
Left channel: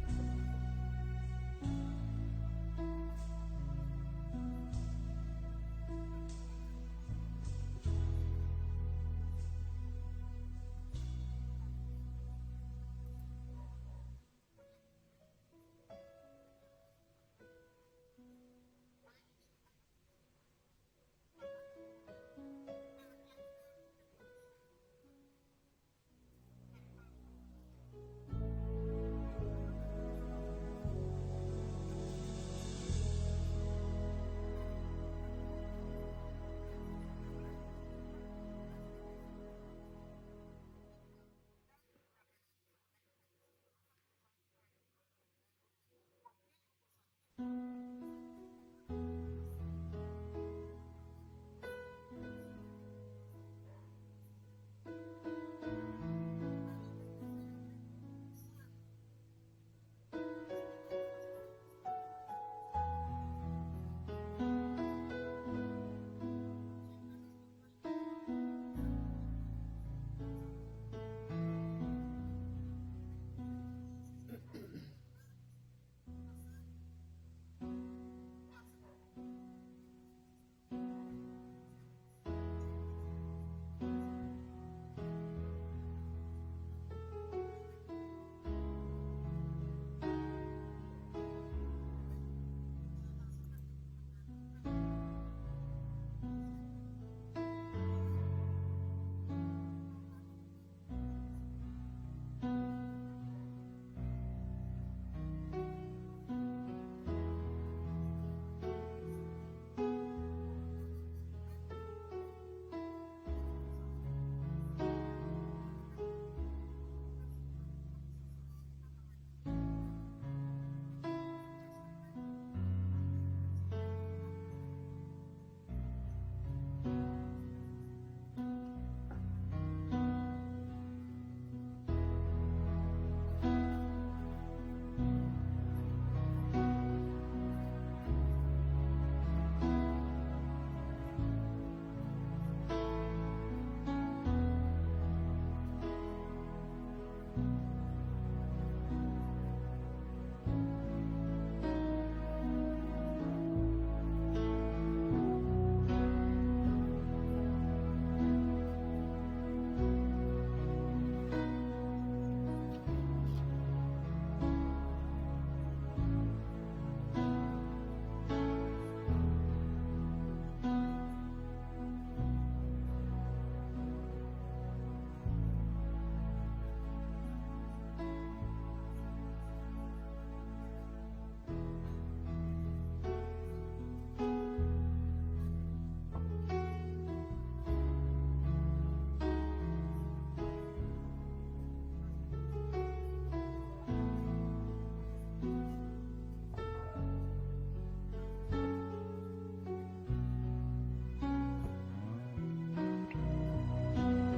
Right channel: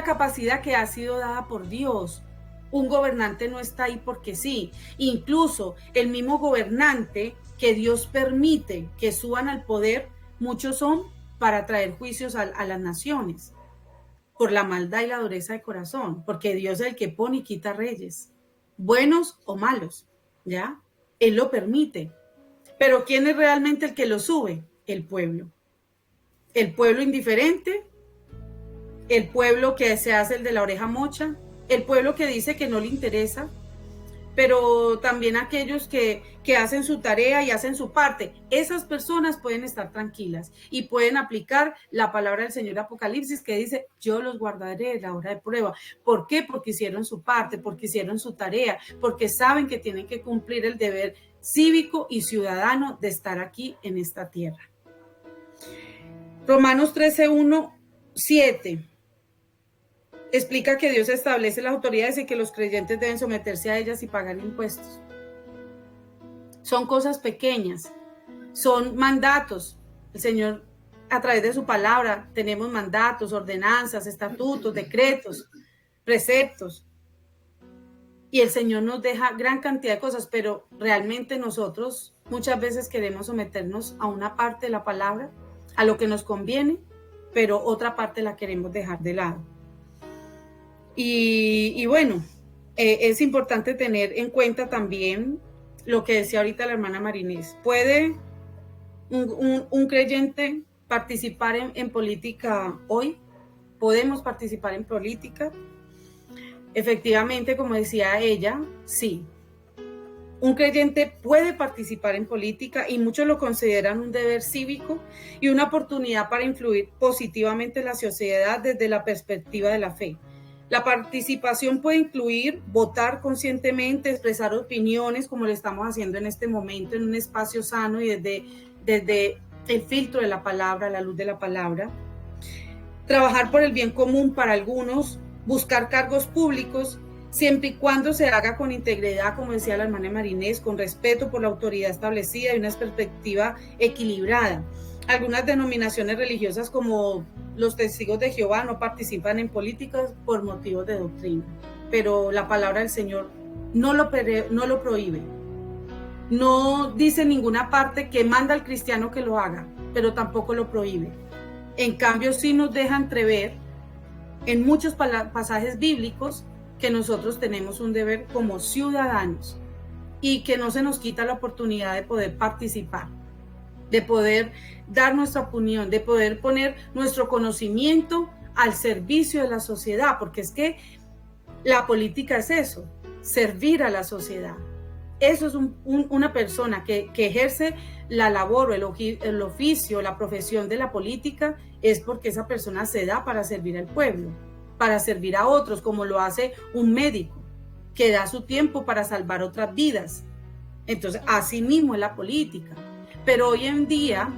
capacidad que ha sido dada por Dios. Un gobernante no está ahí porque sí. Incluso el mismo gobernante que Dios permite que suban al poder, muchos son para traer juicios a las naciones por la maldad y la dureza de corazón, porque Dios es el que pone y quita reyes, buenos o malos, ¿ya? Él lo permite. Pero ¿quién es realmente el que lo sube? El pueblo. El pueblo indiferente, el pueblo que se hace el de la oreja mocha, el pueblo que dice que no le interesa, pero también aquellos que hacen su tarea y hacen su parte. Esas personas pueden estar tranquilas y pueden aplicar la palabra del Señor Apocalipsis que dice, yo los guardaré en la hora de prueba. ¿Por qué? Porque hicieron su parte, porque hicieron su tarea, porque saben que tienen que cumplir el deber cívico y ciudadano de estar aquí en esta tierra. Romanos 13:1-7 explica que Dios establece las autoridades y que los creyentes deben someterse a ellas y pagar impuestos. Son cosas pequeñas, son mandatos. El Señor, a través de su palabra, tenemos mandatos, ordenanzas, estatutos, decretos, preceptos. Y el Señor nos deja gran cantidad de cosas, pero realmente nosotros muchas veces queremos someternos a una parte de la palabra, a lo que nos conviene, pero otra parte la queremos dejar de lado. Y bueno, es importante tener en cuenta también lo que decía ahorita la hermana Marinés. ¿Puede un creyente participar en política hoy? ¿Podemos participar en política? Efectivamente, como decía ella, sí. Un creyente puede participar en política y muchos lo consideran un deber cívico y una oportunidad para influir positivamente en la sociedad desde la perspectiva de la fe. La participación puede incluir votar conscientemente, expresar opiniones, como lo estamos haciendo en este momento, en un espacio sano y desde el filtro de la palabra, la luz de la palabra. Trabajar por el bien común para algunos, buscar cargos públicos, siempre y cuando se haga con integridad, como decía la hermana Marinés, con respeto por la autoridad establecida y una perspectiva equilibrada. Algunas denominaciones religiosas como los Testigos de Jehová no participan en políticas por motivos de doctrina, pero la palabra del Señor no lo prohíbe. No dice en ninguna parte que manda al cristiano que lo haga, pero tampoco lo prohíbe. En cambio, sí nos deja entrever en muchos pasajes bíblicos que nosotros tenemos un deber como ciudadanos y que no se nos quita la oportunidad de poder participar, de poder dar nuestra opinión, de poder poner nuestro conocimiento al servicio de la sociedad, porque es que la política es eso, servir a la sociedad. Eso es una persona que ejerce la labor o el oficio, la profesión de la política, es porque esa persona se da para servir al pueblo, para servir a otros, como lo hace un médico, que da su tiempo para salvar otras vidas. Entonces, así mismo es la política. Pero hoy en día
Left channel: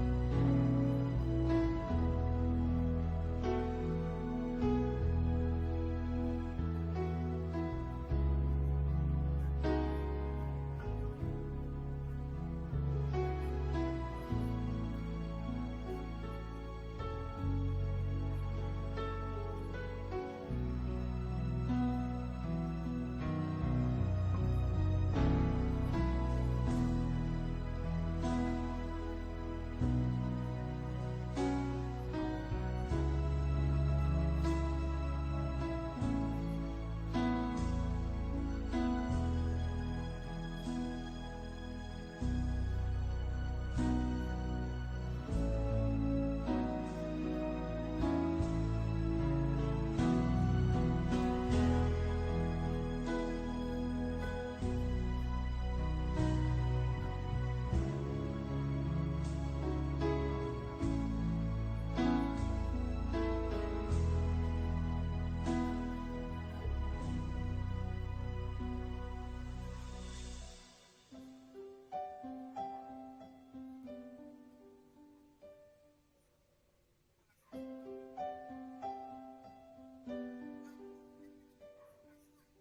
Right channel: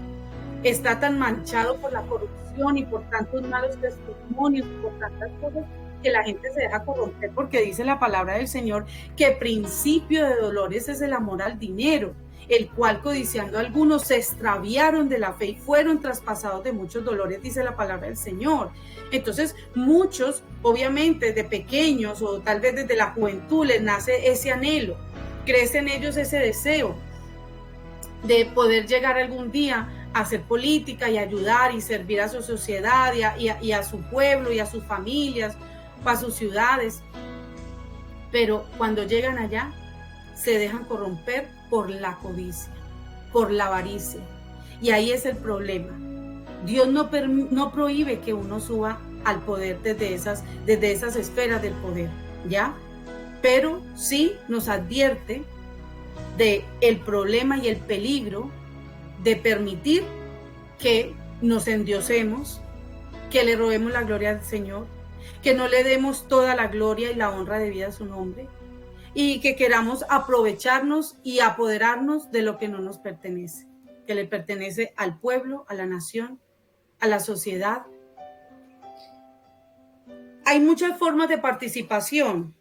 está tan manchado por la corrupción y por tantos malos testimonios, por tantas cosas, que la gente se deja corromper, porque dice la palabra del Señor que principio de dolores es el amor al dinero. el cual codiciando algunos se extraviaron de la fe y fueron traspasados de muchos dolores, dice la palabra del Señor. Entonces muchos, obviamente de pequeños o tal vez desde la juventud les nace ese anhelo, crece en ellos ese deseo de poder llegar algún día a hacer política y ayudar y servir a su sociedad y a su pueblo y a sus familias, a sus ciudades. Pero cuando llegan allá, se dejan corromper por la codicia, por la avaricia. Y ahí es el problema. Dios no prohíbe que uno suba al poder desde esas esferas del poder, ¿ya? Pero sí nos advierte de el problema y el peligro de permitir que nos endiosemos, que le robemos la gloria al Señor, que no le demos toda la gloria y la honra debida a su nombre, y que queramos aprovecharnos y apoderarnos de lo que no nos pertenece, que le pertenece al pueblo, a la nación, a la sociedad. Hay muchas formas de participación,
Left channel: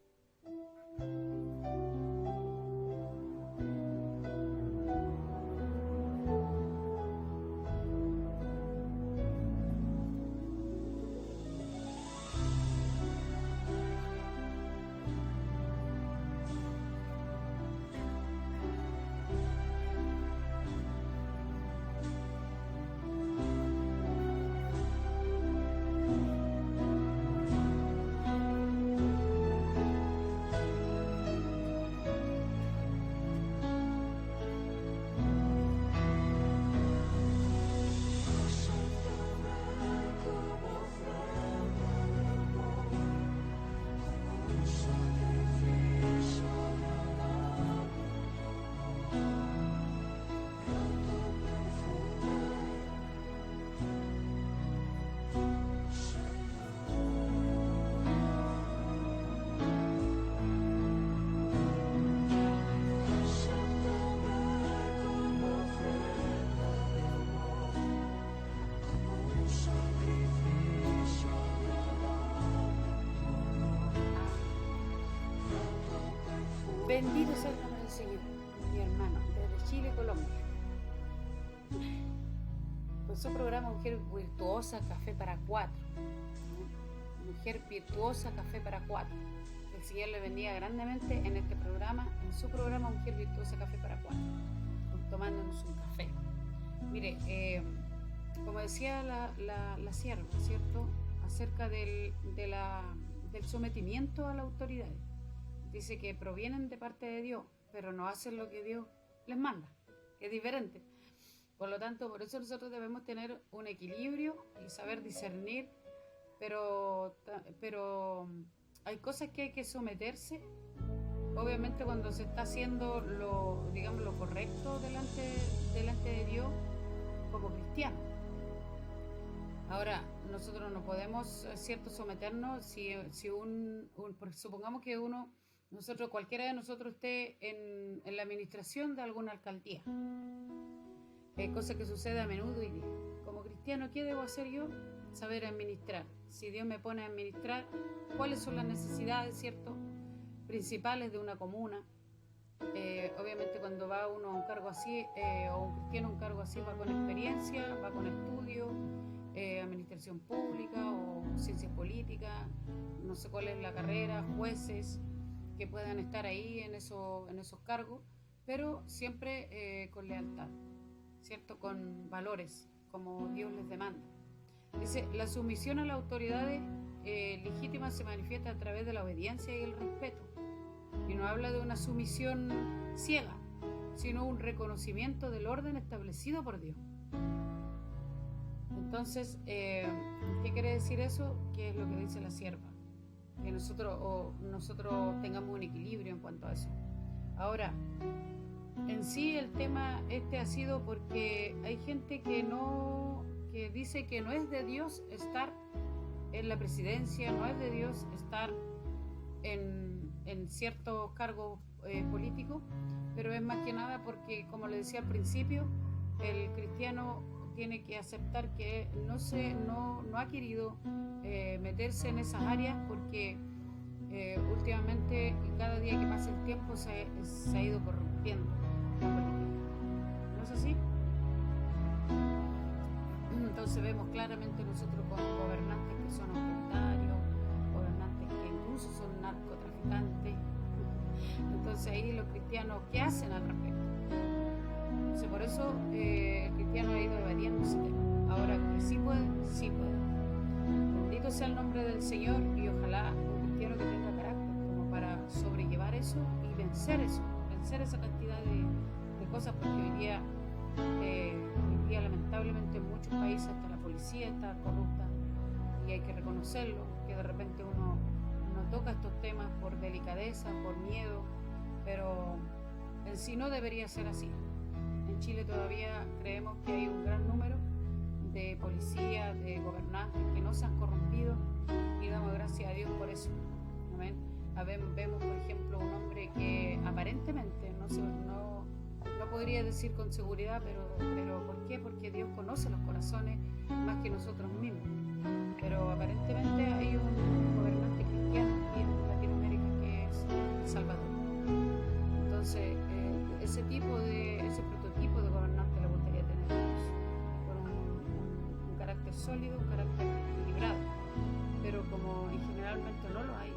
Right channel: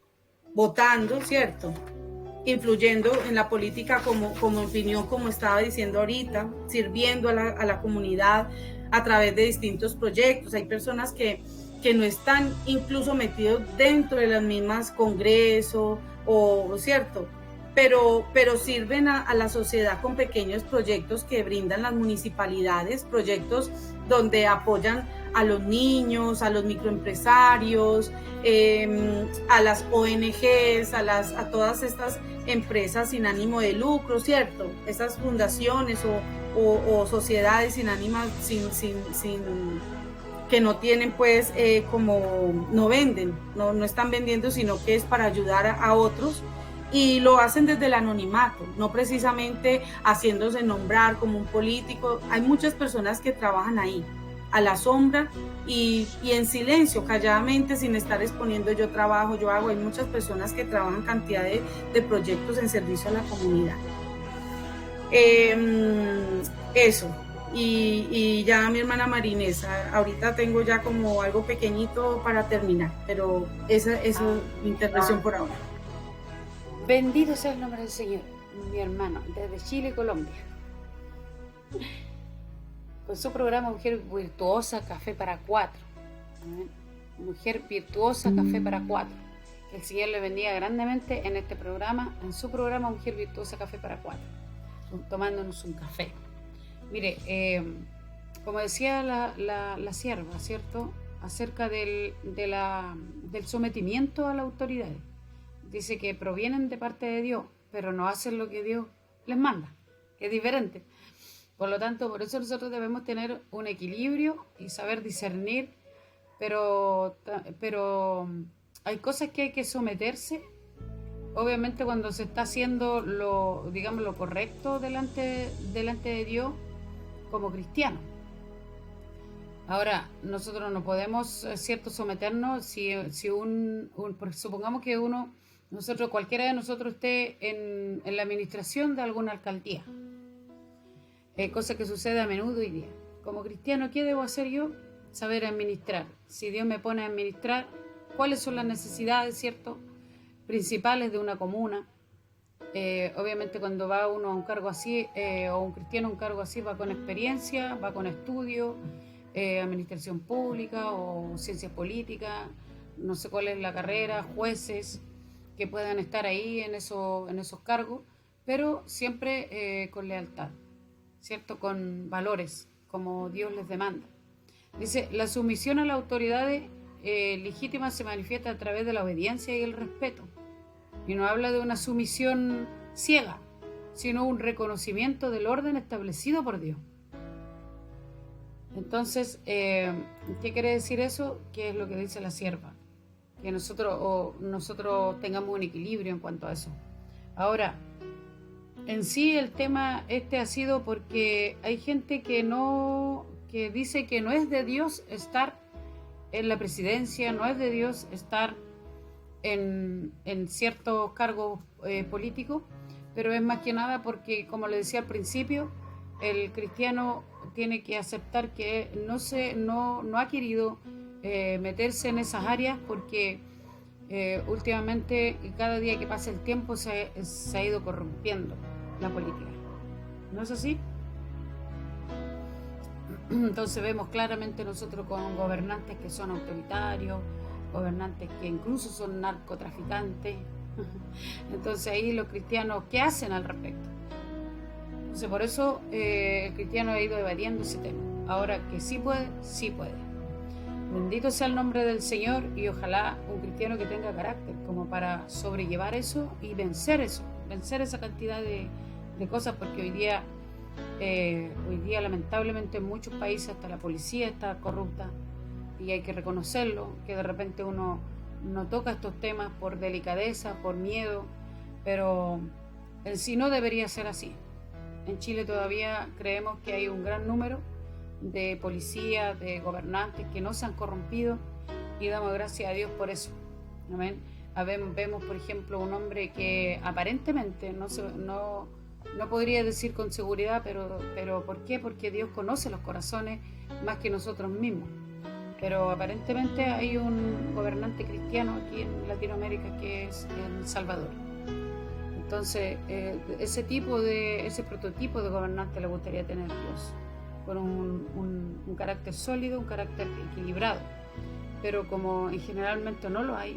votando, ¿cierto?, influyendo en la política como opinión, como estaba diciendo ahorita, sirviendo a la comunidad a través de distintos proyectos. Hay personas que no están incluso metidos dentro de las mismas congresos, ¿cierto? Pero sirven a la sociedad con pequeños proyectos que brindan las municipalidades, proyectos donde apoyan a los niños, a los microempresarios, a las ONGs, a todas estas empresas sin ánimo de lucro, ¿cierto? Esas fundaciones o sociedades sin ánimo, que no tienen pues como no venden, no están vendiendo, sino que es para ayudar a otros, y lo hacen desde el anonimato, no precisamente haciéndose nombrar como un político. Hay muchas personas que trabajan ahí a la sombra y en silencio, calladamente, sin estar exponiendo yo trabajo, yo hago. Hay muchas personas que trabajan cantidad de proyectos en servicio a la comunidad. Eso. Y ya mi hermana Marinés, ahorita tengo ya como algo pequeñito para terminar, pero esa es mi intervención por ahora. Bendito sea el nombre del Señor, mi hermano, desde Chile, Colombia. Con su programa Mujer Virtuosa, Café para Cuatro. Mujer Virtuosa, Café para Cuatro. Que el Señor le bendiga grandemente en este programa, en su programa Mujer Virtuosa, Café para Cuatro, tomándonos un café. Mire, como decía la sierva, ¿cierto?, acerca del sometimiento a la autoridad. Dice que provienen de parte de Dios, pero no hacen lo que Dios les manda, que es diferente. Por lo tanto, por eso nosotros debemos tener un equilibrio y saber discernir, pero hay cosas que hay que someterse, obviamente cuando se está haciendo lo correcto delante de Dios como cristiano. Ahora, nosotros no podemos, ¿cierto?, someternos si supongamos que cualquiera de nosotros esté en la administración de alguna alcaldía. Cosa que sucede a menudo hoy día. Como cristiano, ¿qué debo hacer yo? Saber administrar. Si Dios me pone a administrar, ¿cuáles son las necesidades, cierto?, principales de una comuna? Obviamente cuando va uno a un cargo así, o un cristiano a un cargo así, va con experiencia, va con estudio, administración pública o ciencias políticas, no sé cuál es la carrera, jueces que puedan estar ahí en esos cargos, pero siempre con lealtad, ¿cierto?, con valores, como Dios les demanda. Dice, la sumisión a las autoridades legítimas se manifiesta a través de la obediencia y el respeto. Y no habla de una sumisión ciega, sino un reconocimiento del orden establecido por Dios. Entonces, ¿qué quiere decir eso? ¿Qué es lo que dice la sierva? Que nosotros tengamos un equilibrio en cuanto a eso. Ahora, en sí el tema ha sido porque hay gente que dice que no es de Dios estar en la presidencia, no es de Dios estar en ciertos cargos políticos, pero es más que nada porque, como le decía al principio, el cristiano tiene que aceptar que no ha querido meterse en esas áreas porque últimamente, cada día que pasa el tiempo, se ha ido corrompiendo la política. ¿No es así? Entonces vemos claramente nosotros con gobernantes que son autoritarios, gobernantes que incluso son narcotraficantes. Entonces ahí los cristianos, ¿qué hacen al respecto? Entonces por eso el cristiano ha ido evadiendo ese tema. Ahora que sí puede, sí puede. Bendito sea el nombre del Señor, y ojalá un cristiano que tenga carácter como para sobrellevar eso y vencer eso, vencer esa cantidad de cosas, porque hoy día lamentablemente en muchos países hasta la policía está corrupta, y hay que reconocerlo, que de repente uno no toca estos temas por delicadeza, por miedo, pero en sí no debería ser así. En Chile todavía creemos que hay un gran número de policías, de gobernantes que no se han corrompido, y damos gracias a Dios por eso. Amén. Vemos, por ejemplo, un hombre que aparentemente no podría decir con seguridad, pero ¿por qué? Porque Dios conoce los corazones más que nosotros mismos. Pero aparentemente hay un gobernante cristiano aquí en Latinoamérica que es El Salvador. Entonces, ese prototipo de gobernante le gustaría tener Dios, con un carácter sólido, un carácter equilibrado. Pero como generalmente no lo hay,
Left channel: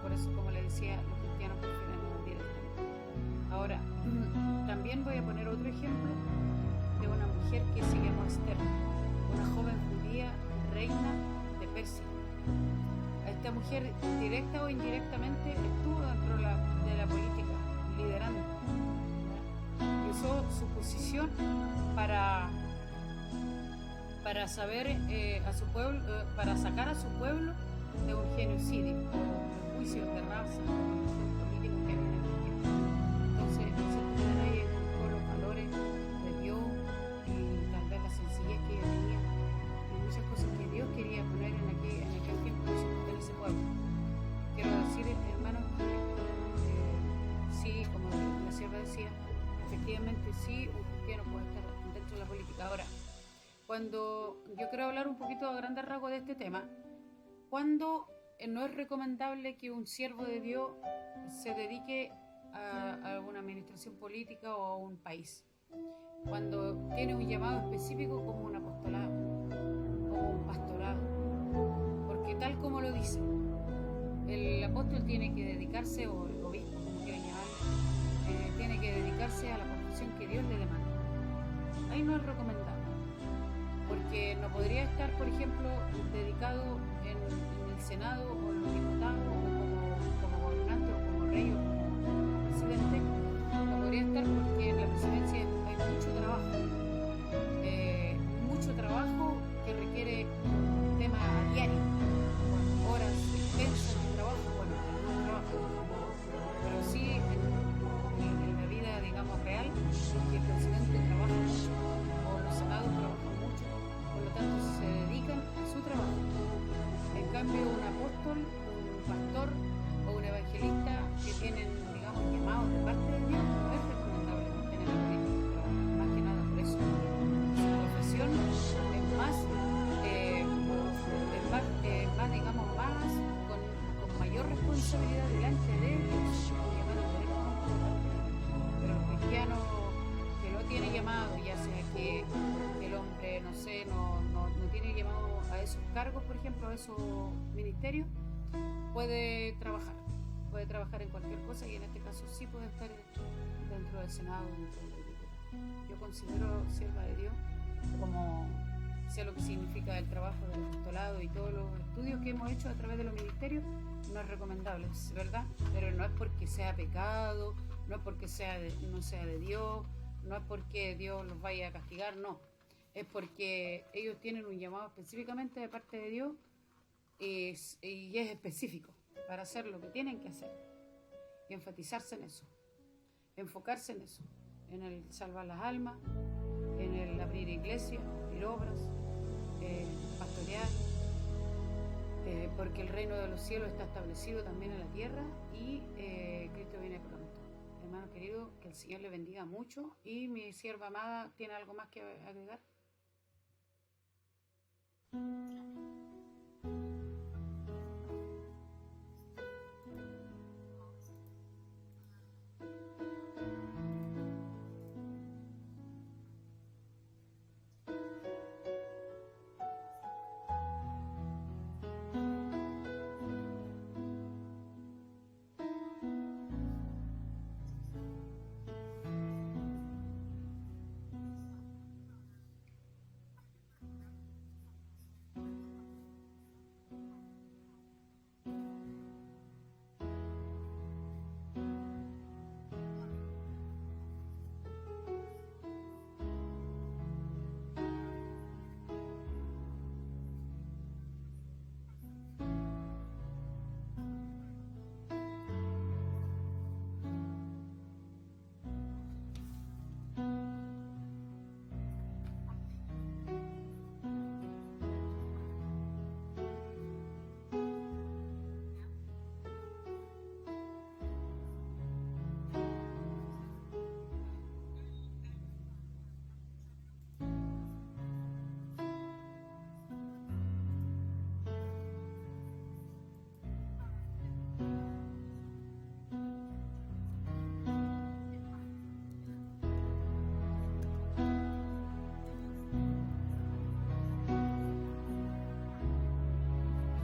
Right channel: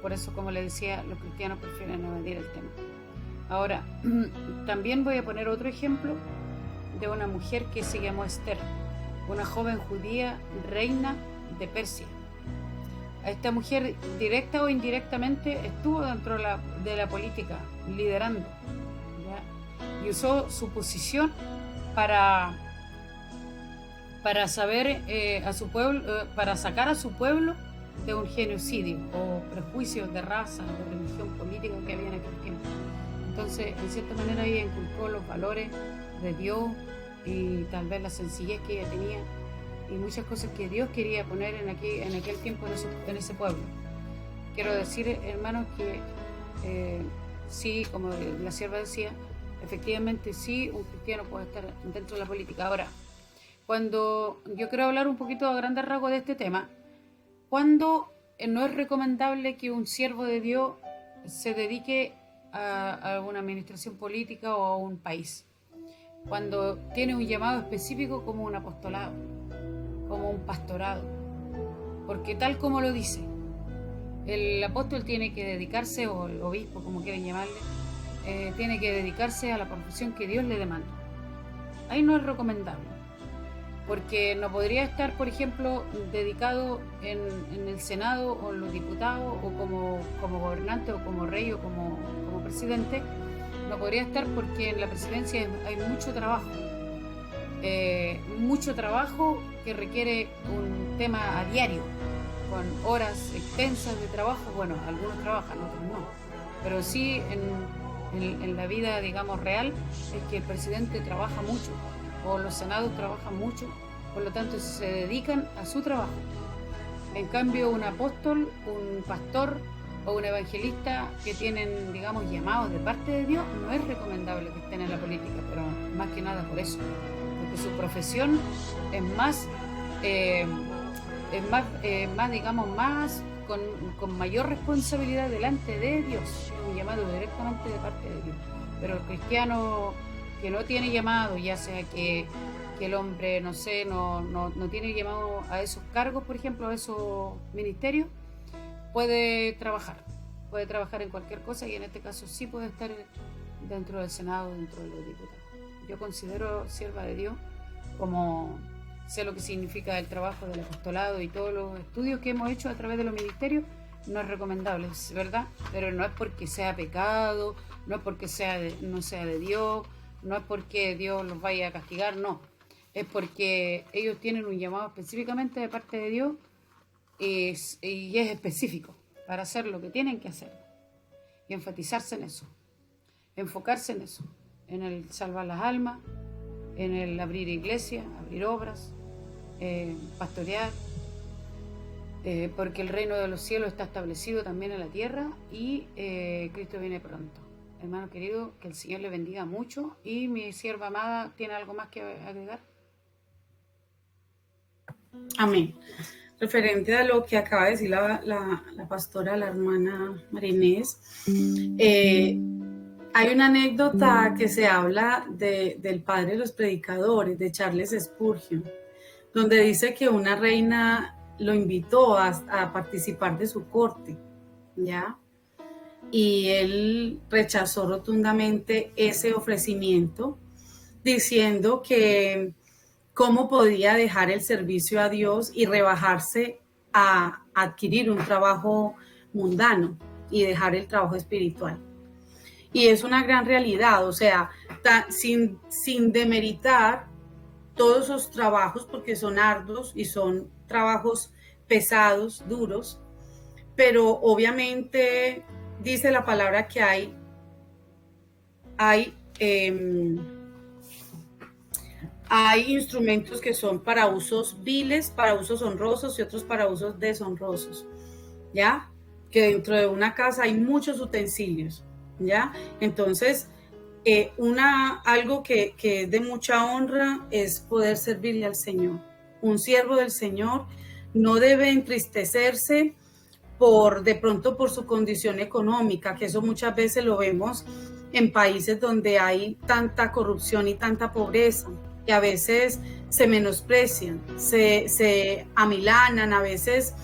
por eso, como le decía, los cristianos prefieren evadir el tema. Ahora, también voy a poner otro ejemplo de una mujer que se llamó Esther, una joven judía, reina de Persia. Esta mujer, directa o indirectamente, estuvo dentro de la política, liderando, ¿ya? Y usó su posición para saber a su pueblo, para sacar a su pueblo de un genocidio o prejuicios de raza o religión política que había en aquel tiempo. Entonces, de cierta manera, ella inculcó los valores de Dios y tal vez la sencillez que ella tenía y muchas cosas que Dios quería poner en aquel tiempo en ese pueblo. Quiero decir, hermanos, que sí, como la sierva decía, efectivamente sí, un cristiano puede estar dentro de la política. Ahora, cuando yo quiero hablar un poquito a grandes rasgos de este tema, cuando no es recomendable que un siervo de Dios se dedique a una administración política o a un país, cuando tiene un llamado específico como un apostolado, como un pastorado, porque tal como lo dice, el apóstol tiene que dedicarse, o el obispo, como quieran llamarle, tiene que dedicarse a la profesión que Dios le demanda. Ahí no es recomendable, porque no podría estar, por ejemplo, dedicado en el Senado o en los diputados o como gobernante o como rey o como presidente. No podría estar porque en la presidencia hay mucho trabajo que requiere un tema a diario, con horas extensas de trabajo. Bueno, algunos trabajan, otros no, pero sí en la vida, digamos, real, es que el presidente trabaja mucho o los senados trabajan mucho, por lo tanto se dedican a su trabajo. En cambio, un apóstol, un pastor o un evangelista que tienen, digamos, llamados de parte de Dios, no es recomendable que estén en la política, pero más que nada por eso, porque su profesión es más, digamos, más con mayor responsabilidad delante de Dios, es un llamado directamente de parte de Dios. Pero el cristiano que no tiene llamado, ya sea que el hombre, no sé, no tiene llamado a esos cargos, por ejemplo, a esos ministerios, puede trabajar en cualquier cosa, y en este caso sí puede estar dentro del Senado, dentro de los diputados. Yo considero sierva de Dios, como sé lo que significa el trabajo del apostolado y todos los estudios que hemos hecho a través de los ministerios. No es recomendable, es verdad, pero no es porque sea pecado, no es porque no sea de Dios, no es porque Dios los vaya a castigar, no. Es porque ellos tienen un llamado específicamente de parte de Dios y es específico para hacer lo que tienen que hacer y enfatizarse en eso, enfocarse en eso, en el salvar las almas, en el abrir iglesias, abrir obras, pastorear, porque el reino de los cielos está establecido también en la tierra y Cristo viene pronto. Hermano querido, que el Señor le bendiga mucho. Y mi sierva amada, ¿tiene algo más que agregar? Amén. Referente a lo que acaba de decir la pastora, la hermana María Inés, Hay una anécdota que se habla del padre de los predicadores, de Charles Spurgeon, donde dice que una reina lo invitó a participar de su corte, ¿ya? Y él rechazó rotundamente ese ofrecimiento, diciendo que cómo podía dejar el servicio a Dios y rebajarse a adquirir un trabajo mundano y dejar el trabajo espiritual. Y es una gran realidad, o sea, sin demeritar todos esos trabajos, porque son arduos y son trabajos pesados, duros, pero obviamente dice la palabra que hay instrumentos que son para usos viles, para usos honrosos y otros para usos deshonrosos, ¿ya? Que dentro de una casa hay muchos utensilios, ¿ya? Entonces, algo que es de mucha honra es poder servirle al Señor. Un siervo del Señor no debe entristecerse de pronto por su condición económica, que eso muchas veces lo vemos en países donde hay tanta corrupción y tanta pobreza, que a veces se menosprecian, se amilanan, a veces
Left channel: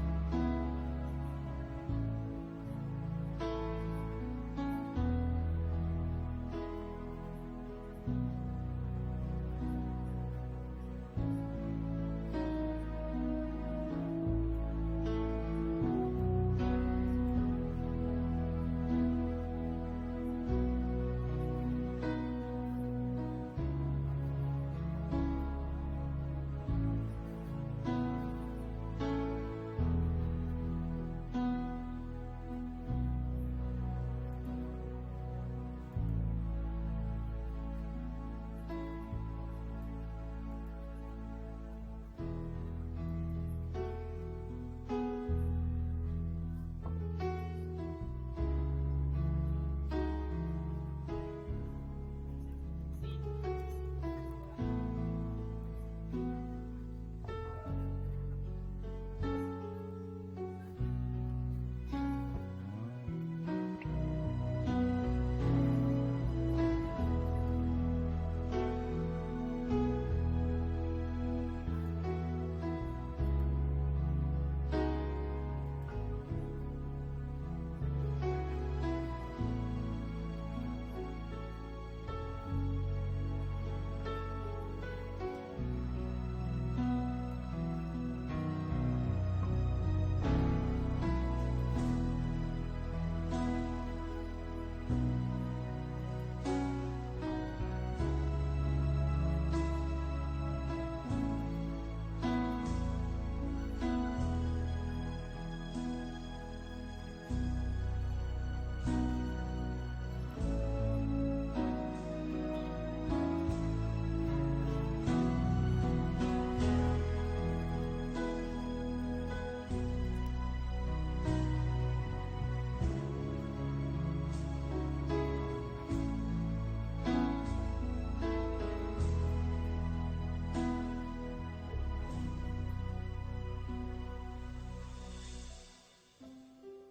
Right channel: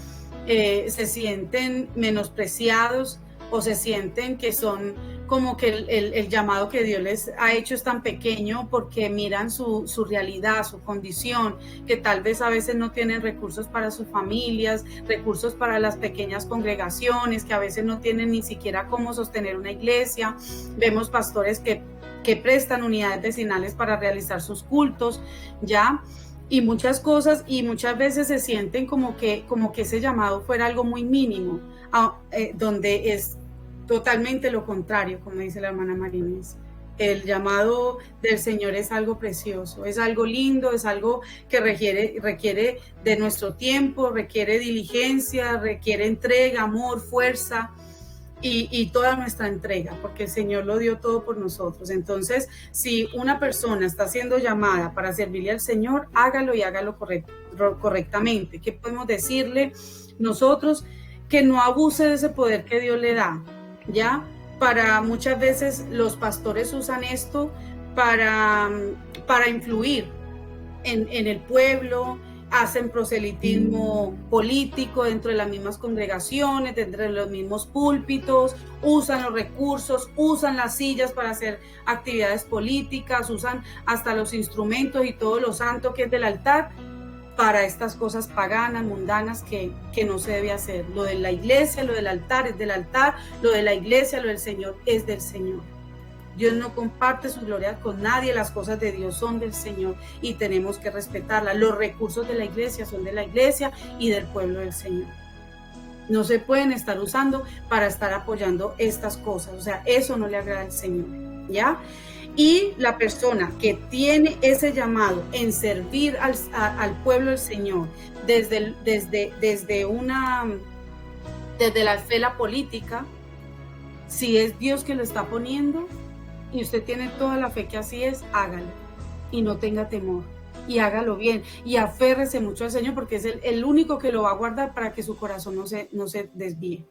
se sienten menospreciados o se sienten que son como que el llamado que Dios les ha hecho es tan pequeño porque miran su realidad, su condición, que tal vez a veces no tienen recursos para sus familias, recursos para las pequeñas congregaciones, que a veces no tienen ni siquiera cómo sostener una iglesia. Vemos pastores que prestan unidades vecinales para realizar sus cultos, ¿ya? Y muchas cosas, y muchas veces se sienten como que ese llamado fuera algo muy mínimo, donde es totalmente lo contrario, como dice la hermana Marines. El llamado del Señor es algo precioso, es algo lindo, es algo que requiere de nuestro tiempo, requiere diligencia, requiere entrega, amor, fuerza y toda nuestra entrega, porque el Señor lo dio todo por nosotros. Entonces, si una persona está siendo llamada para servirle al Señor, hágalo y hágalo correctamente. ¿Qué podemos decirle nosotros? Que no abuse de ese poder que Dios le da, ¿ya? Para muchas veces los pastores usan esto para influir en el pueblo, hacen proselitismo político dentro de las mismas congregaciones, dentro de los mismos púlpitos, usan los recursos, usan las sillas para hacer actividades políticas, usan hasta los instrumentos y todo lo santo que es del altar para estas cosas paganas, mundanas que no se debe hacer. Lo de la iglesia, lo del altar es del altar, lo de la iglesia, lo del Señor es del Señor. Dios no comparte su gloria con nadie, las cosas de Dios son del Señor y tenemos que respetarlas. Los recursos de la iglesia son de la iglesia y del pueblo del Señor. No se pueden estar usando para estar apoyando estas cosas, o sea, eso no le agrada al Señor, ¿ya? Y la persona que tiene ese llamado en servir al pueblo del Señor desde la fe, la política, si es Dios que lo está poniendo y usted tiene toda la fe que así es, hágalo y no tenga temor y hágalo bien y aférrese mucho al Señor, porque es el único que lo va a guardar para que su corazón no se desvíe.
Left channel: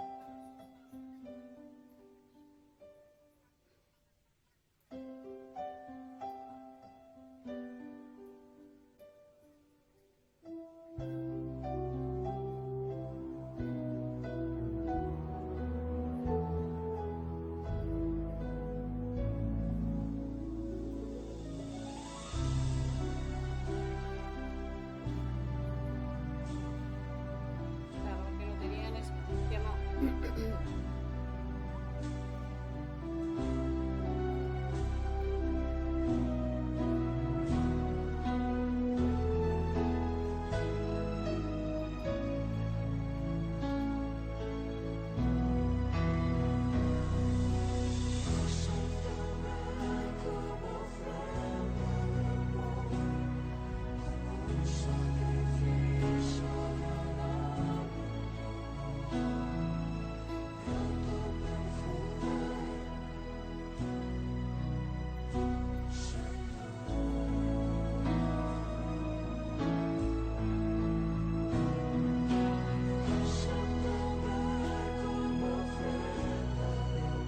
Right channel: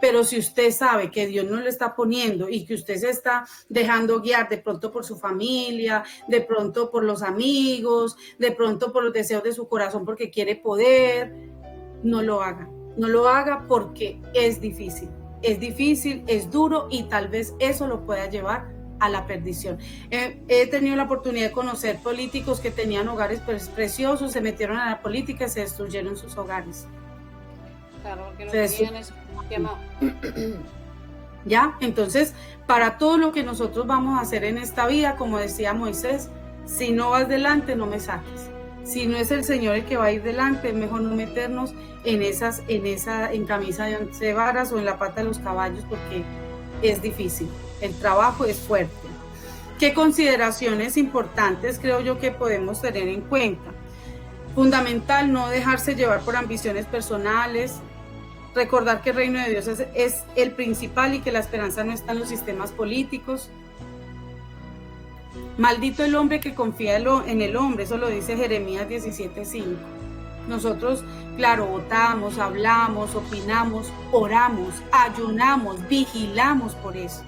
Pero si usted sabe que Dios no lo está poniendo y que usted se está dejando guiar de pronto por su familia, de pronto por los amigos, de pronto por los deseos de su corazón porque quiere poder, no lo haga. No lo haga porque es difícil, es duro y tal vez eso lo pueda llevar a la perdición. He tenido la oportunidad de conocer políticos que tenían hogares preciosos, se metieron a la política y se destruyeron sus hogares. Claro, porque no tenían ese llamado. ¿Ya? Entonces, para todo lo que nosotros vamos a hacer en esta vida, como decía Moisés, si no vas delante, no me saques. Si no es el Señor el que va a ir delante, es mejor no meternos en camisa de 11 varas o en la pata de los caballos, porque es difícil. El trabajo es fuerte. ¿Qué consideraciones importantes creo yo que podemos tener en cuenta? Fundamental, no dejarse llevar por ambiciones personales, recordar que el reino de Dios es el principal y que la esperanza no está en los sistemas políticos. Maldito el hombre que confía en el hombre, eso lo dice Jeremías 17:5. Nosotros, claro, votamos, hablamos, opinamos, oramos, ayunamos, vigilamos por eso.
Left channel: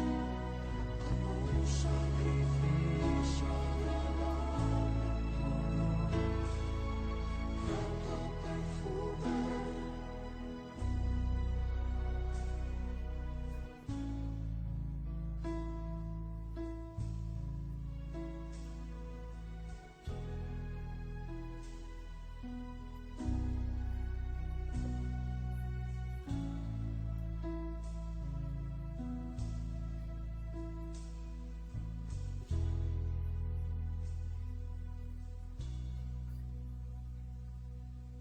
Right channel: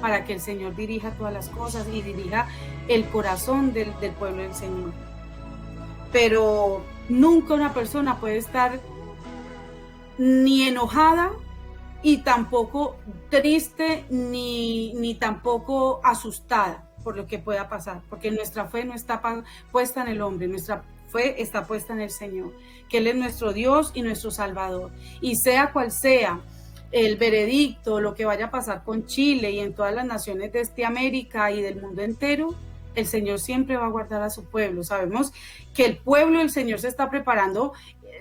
para que el Señor dirija todas las cosas y dirija el corazón del pueblo del Señor. Pero nunca una persona puede estar ni enojada y tampoco triste ni tampoco asustada por lo que pueda pasar, porque nuestra fe no está puesta en el hombre, nuestra fe está puesta en el Señor, que Él es nuestro Dios y nuestro Salvador. Y sea cual sea el veredicto, lo que vaya a pasar con Chile y en todas las naciones de América y del mundo entero, el Señor siempre va a guardar a su pueblo. Sabemos que el pueblo del Señor se está preparando,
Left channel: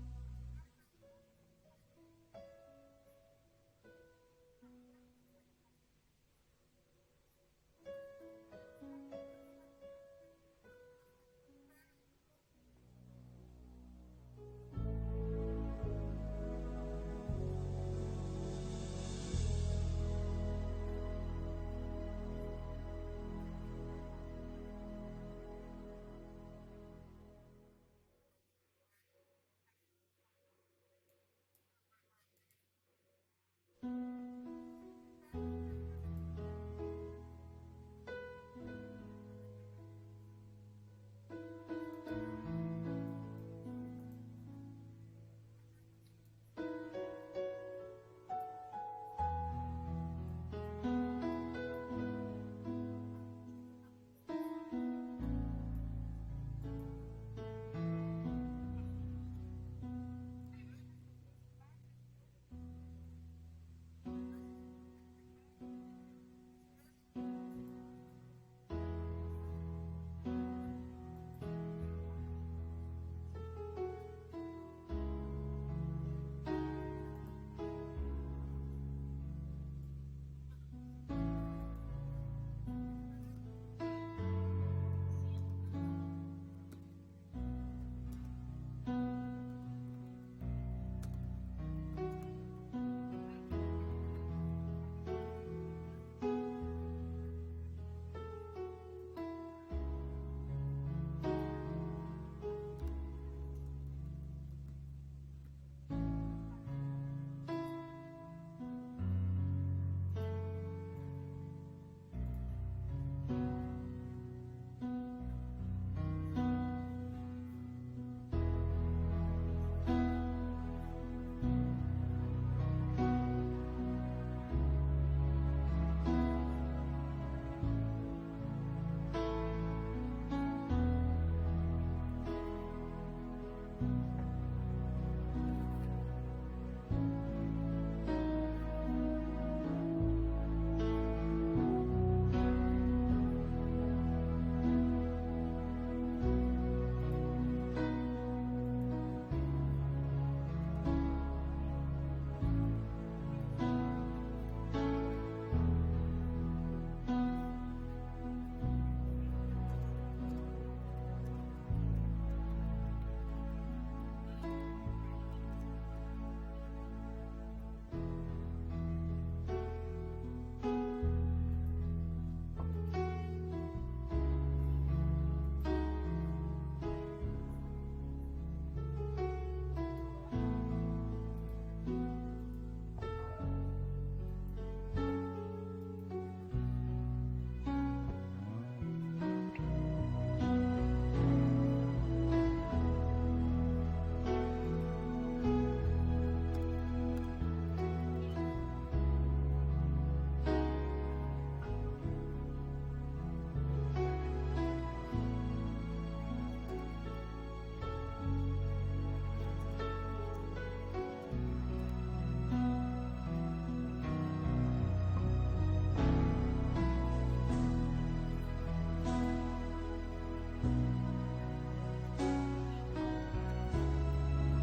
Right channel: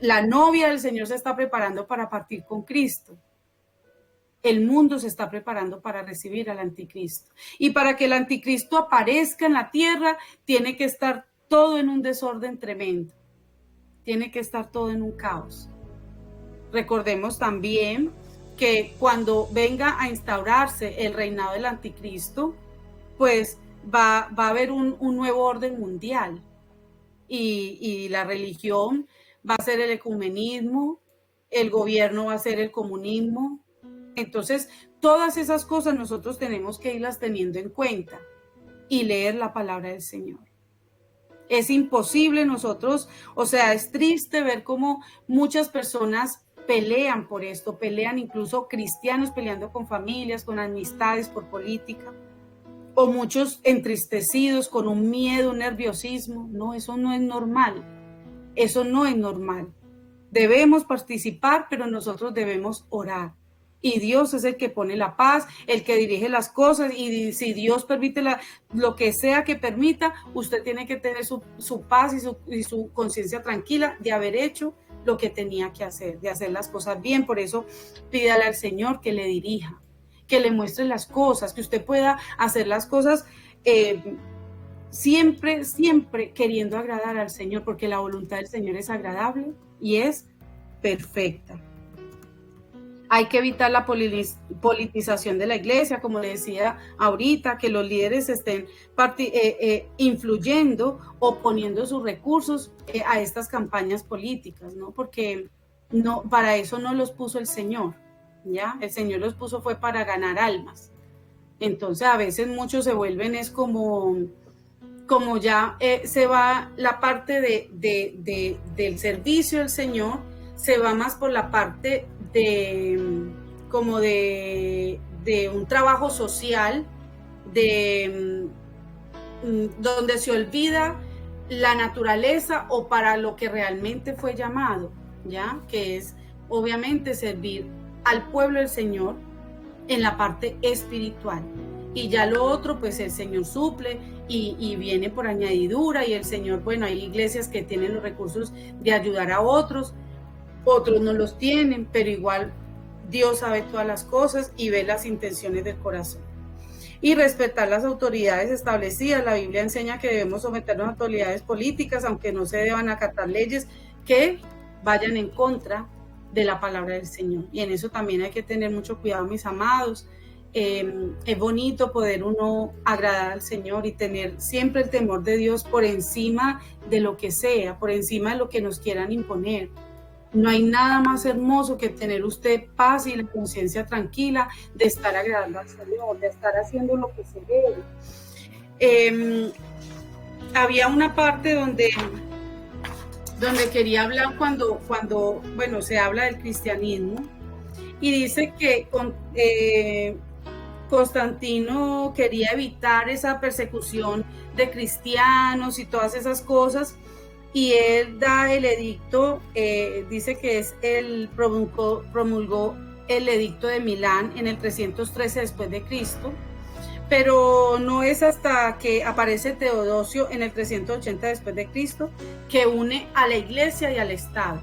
la novia del Señor se está preparando para partir con Cristo. El mundo se está preparando para recibir al anticristo. Y para que el anticristo aparezca en la tierra, tiene que estar todo en un desorden tremendo. Tiene que estar todo en un caos. Recordemos también que cuando venga a instaurarse el reinado del anticristo, pues va a haber un nuevo orden mundial. Y la religión va a ser el ecumenismo, el gobierno va a ser el comunismo. Entonces, todas esas cosas nosotros tenemos que irlas teniendo en cuenta y leer la palabra del Señor. Es imposible nosotros, o sea, es triste ver cómo muchas personas pelean por esto, pelean incluso cristianos peleando con familias, con amistades, por política, o muchos entristecidos con un miedo, un nerviosismo. No, eso no es normal, eso no es normal. Debemos participar, pero nosotros debemos orar. Y Dios es el que pone la paz, el que dirige las cosas, y si Dios permite lo que sea que permita, usted tiene que tener su paz y su conciencia tranquila de haber hecho lo que tenía que hacer, de hacer las cosas bien. Por eso pídale al Señor que le dirija, que le muestre las cosas, que usted pueda hacer las cosas siempre queriendo agradar al Señor, porque la voluntad del Señor es agradable y es perfecta. Hay que evitar la politización de la iglesia, como le decía ahorita, que los líderes estén influyendo o poniendo sus recursos a estas campañas políticas, ¿no? Porque no, para eso no los puso el Señor, ¿ya? El Señor los puso fue para ganar almas. Entonces a veces muchos se vuelven es como ya se va la parte del servicio del Señor, se va más por la parte de un trabajo social, donde se olvida la naturaleza o para lo que realmente fue llamado, ¿ya? Que es obviamente servir al pueblo del Señor en la parte espiritual. Y ya lo otro, pues el Señor suple y viene por añadidura, y el Señor, bueno, hay iglesias que tienen los recursos de ayudar a otros no los tienen, pero igual Dios sabe todas las cosas y ve las intenciones del corazón. Y respetar las autoridades establecidas. La Biblia enseña que debemos someternos a autoridades políticas, aunque no se deban acatar leyes que vayan en contra de la palabra del Señor. Y en eso también hay que tener mucho cuidado, mis amados. Es bonito poder uno agradar al Señor y tener siempre el temor de Dios por encima de lo que sea, por encima de lo que nos quieran imponer. No hay nada más hermoso que tener usted paz y la conciencia tranquila de estar agradando al Señor, de estar haciendo lo que se debe. Había una parte donde quería hablar cuando bueno, se habla del cristianismo, y dice que Constantino quería evitar esa persecución de cristianos y todas esas cosas, y él da el edicto, dice que promulgó el edicto de Milán en el 313 después de Cristo, pero no es hasta que aparece Teodosio en el 380 después de Cristo que une a la iglesia y al Estado.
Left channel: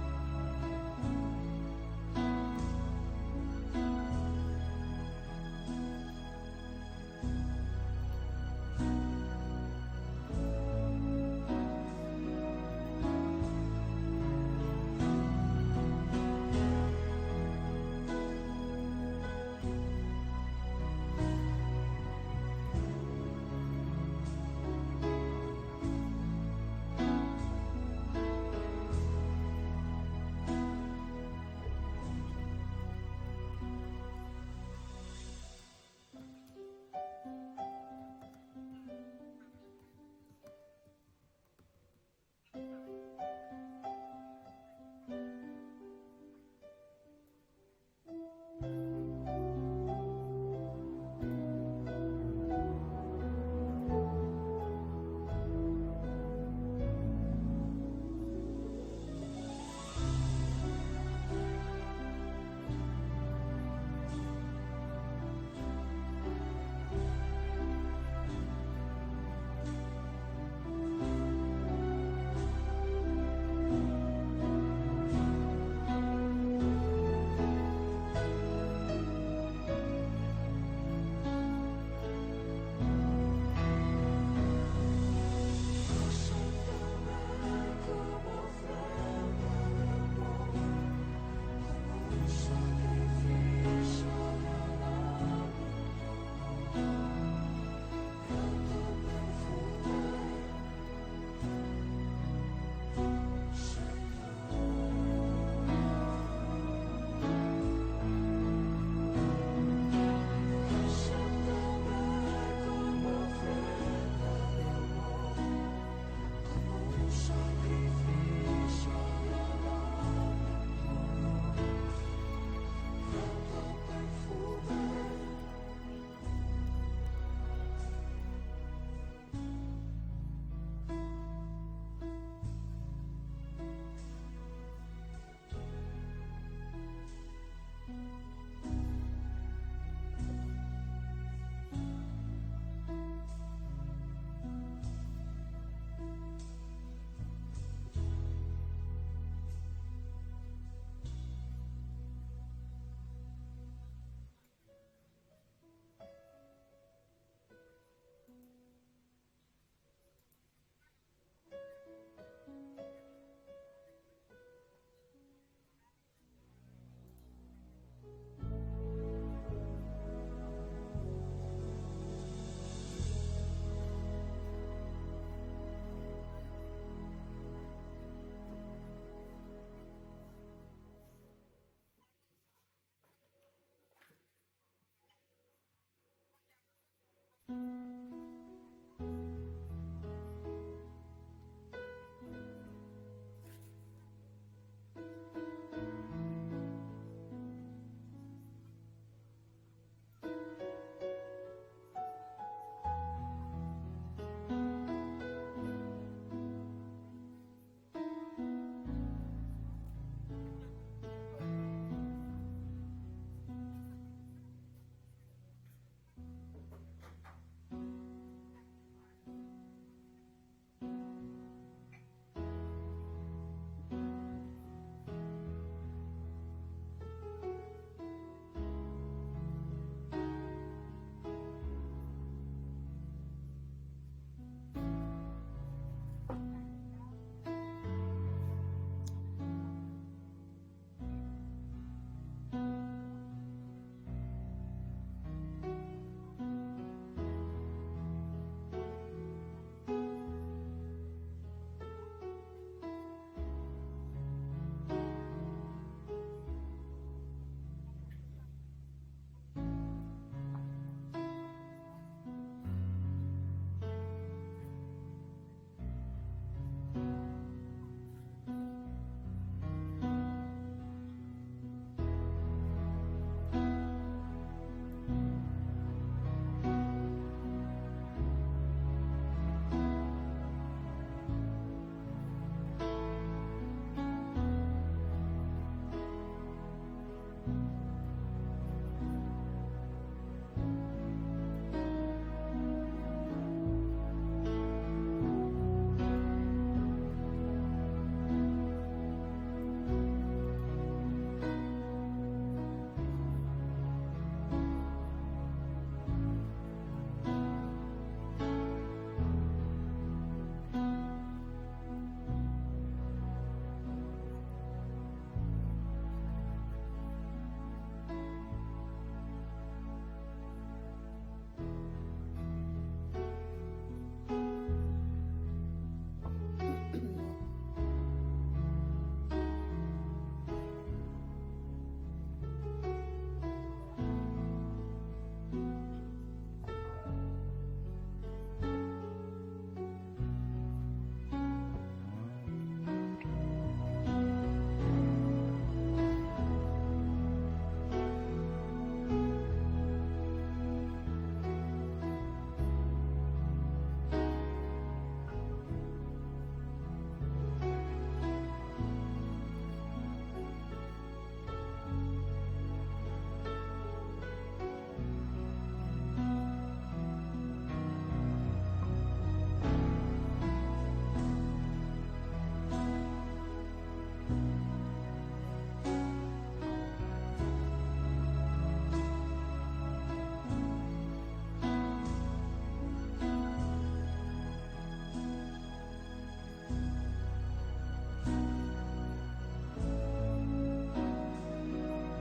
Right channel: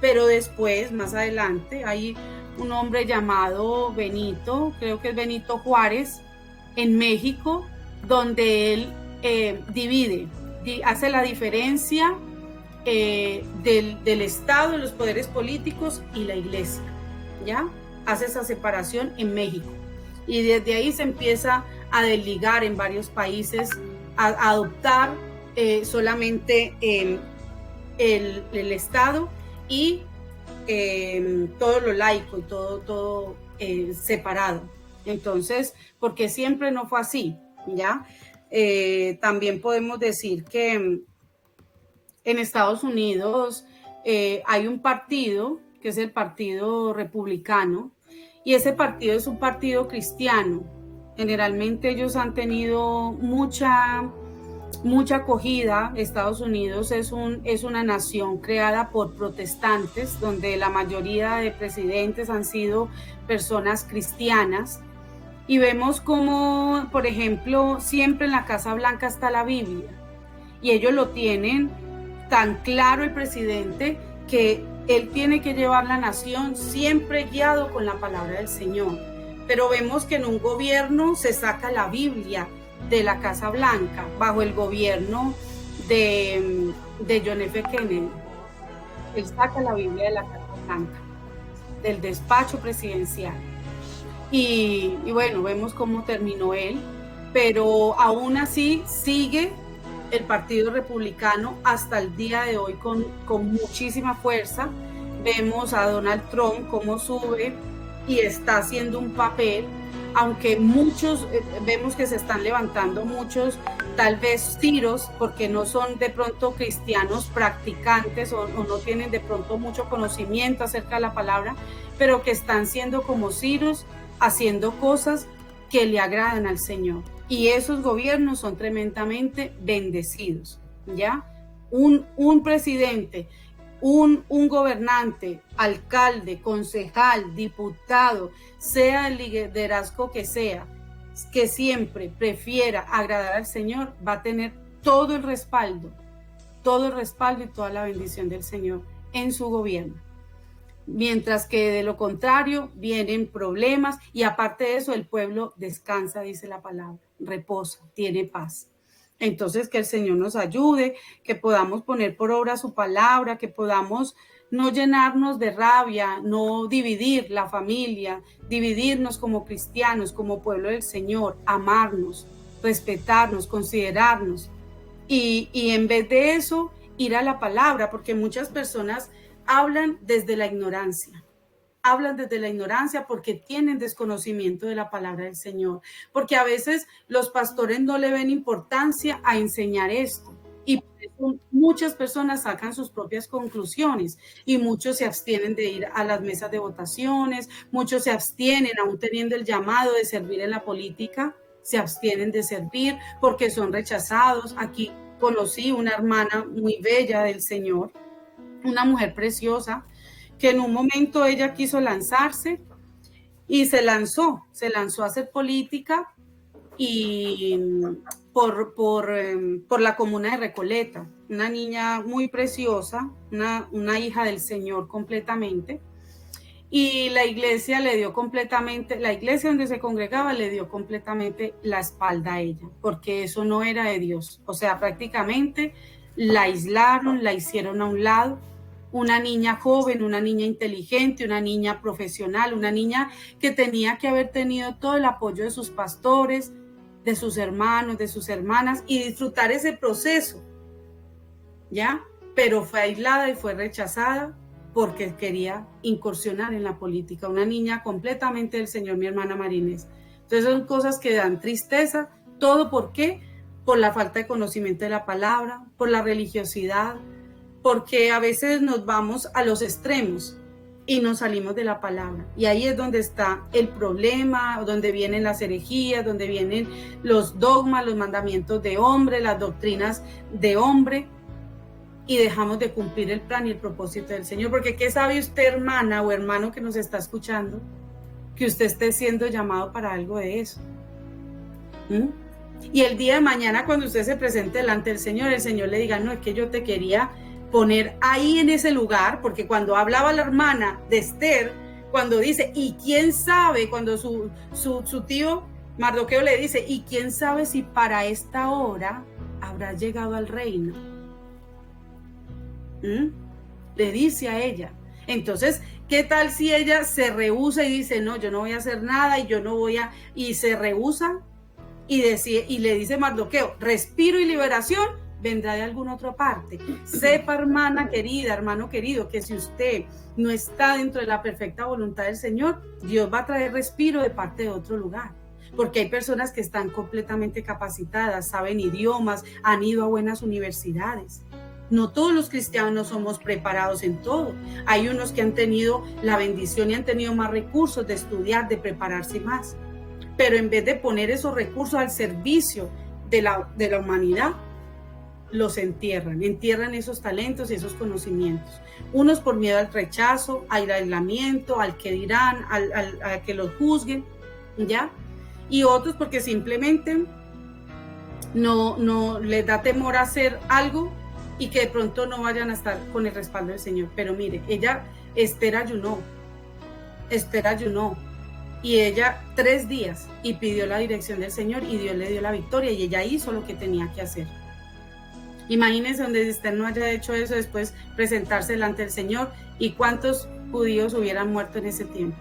Pero después, más adelante, hay un hombre llamado Benito, creo que es Benito Juárez, en México, donde él divide, hace la diferencia del Estado, de los poderes políticos y la iglesia, ¿ya? Hace esa separación en México. Y desde ahí se empieza a desligar en varios países, a adoptar solamente el Estado y todo lo laico y todo separado. Entonces, porque siempre no fue así, ¿ya? También podemos decir que en Estados Unidos hay un partido, que es el Partido Republicano, y ese partido es un partido cristiano. Generalmente ellos han tenido mucha acogida. Estados Unidos es una nación creada por protestantes, donde la mayoría de presidentes han sido personas cristianas. Y vemos como, por ejemplo, siempre en la Casa Blanca está la Biblia. Y ellos lo tienen tan claro, el presidente, que él tiene que llevar la nación siempre guiado con la palabra del Señor. Pero vemos que en un gobierno se saca la Biblia de la Casa Blanca bajo el gobierno de John F. Kennedy. Él saca la Biblia de la Casa Blanca, del despacho presidencial. Y bueno, vemos cómo terminó él, pero aún así sigue el Partido Republicano hasta el día de hoy con muchísima fuerza. Vemos a Donald Trump cómo sube y está haciendo un papel, aunque muchos vemos que se están levantando muchos tal vez tiros, porque no son de pronto cristianos practicantes o no tienen de pronto mucho conocimiento acerca de la palabra, pero que están siendo como Ciros, haciendo cosas que le agradan al Señor. Y esos gobiernos son tremendamente bendecidos, ¿ya? Un presidente, un gobernante, alcalde, concejal, diputado, sea el liderazgo que sea, que siempre prefiera agradar al Señor, va a tener todo el respaldo y toda la bendición del Señor en su gobierno. Mientras que de lo contrario vienen problemas, y aparte de eso el pueblo descansa, dice la palabra, reposa, tiene paz. Entonces, que el Señor nos ayude, que podamos poner por obra su palabra, que podamos no llenarnos de rabia, no dividir la familia, dividirnos como cristianos, como pueblo del Señor, amarnos, respetarnos, considerarnos, y en vez de eso ir a la palabra, porque muchas personas hablan desde la ignorancia. Hablan desde la ignorancia porque tienen desconocimiento de la palabra del Señor. Porque a veces los pastores no le ven importancia a enseñar esto. Y por eso muchas personas sacan sus propias conclusiones y muchos se abstienen de ir a las mesas de votaciones, muchos se abstienen, aún teniendo el llamado de servir en la política, se abstienen de servir porque son rechazados. Aquí conocí una hermana muy bella del Señor, una mujer preciosa, que en un momento ella quiso lanzarse y se lanzó a hacer política, y por la comuna de Recoleta, una niña muy preciosa, una hija del Señor completamente, y la iglesia le dio completamente, la iglesia donde se congregaba le dio completamente la espalda a ella, porque eso no era de Dios. O sea, prácticamente la aislaron, la hicieron a un lado. Una niña joven, una niña inteligente, una niña profesional, una niña que tenía que haber tenido todo el apoyo de sus pastores, de sus hermanos, de sus hermanas, y disfrutar ese proceso, ¿ya? Pero fue aislada y fue rechazada porque quería incursionar en la política. Una niña completamente del Señor, mi hermana Marinés. Entonces son cosas que dan tristeza. ¿Todo por qué? Por la falta de conocimiento de la palabra, por la religiosidad, porque a veces nos vamos a los extremos y nos salimos de la palabra. Y ahí es donde está el problema, donde vienen las herejías, donde vienen los dogmas, los mandamientos de hombre, las doctrinas de hombre, y dejamos de cumplir el plan y el propósito del Señor. Porque ¿qué sabe usted, hermana o hermano que nos está escuchando, que usted esté siendo llamado para algo de eso? Y el día de mañana, cuando usted se presente delante del Señor, el Señor le diga, no, es que yo te quería poner ahí en ese lugar, porque cuando hablaba la hermana de Esther, cuando dice, y quién sabe, cuando su tío Mardoqueo le dice, y quién sabe si para esta hora habrá llegado al reino, le dice a ella. Entonces, ¿qué tal si ella se rehúsa y dice, no, yo no voy a hacer nada, y yo no voy a, y se rehúsa, y le dice Mardoqueo, respiro y liberación, vendrá de alguna otra parte. Sepa, hermana querida, hermano querido, que si usted no está dentro de la perfecta voluntad del Señor, Dios va a traer respiro de parte de otro lugar. Porque hay personas que están completamente capacitadas, saben idiomas, han ido a buenas universidades. No todos los cristianos somos preparados en todo. Hay unos que han tenido la bendición y han tenido más recursos de estudiar, de prepararse más. Pero en vez de poner esos recursos al servicio de la humanidad, los entierran esos talentos y esos conocimientos. Unos por miedo al rechazo, al aislamiento, al que dirán, a que los juzguen, ¿ya? Y otros porque simplemente no les da temor a hacer algo y que de pronto no vayan a estar con el respaldo del Señor. Pero mire, Esther ayunó, y ella 3 días y pidió la dirección del Señor y Dios le dio la victoria y ella hizo lo que tenía que hacer. Imagínense donde Esther no haya hecho eso, después presentarse delante del Señor, y cuántos judíos hubieran muerto en ese tiempo.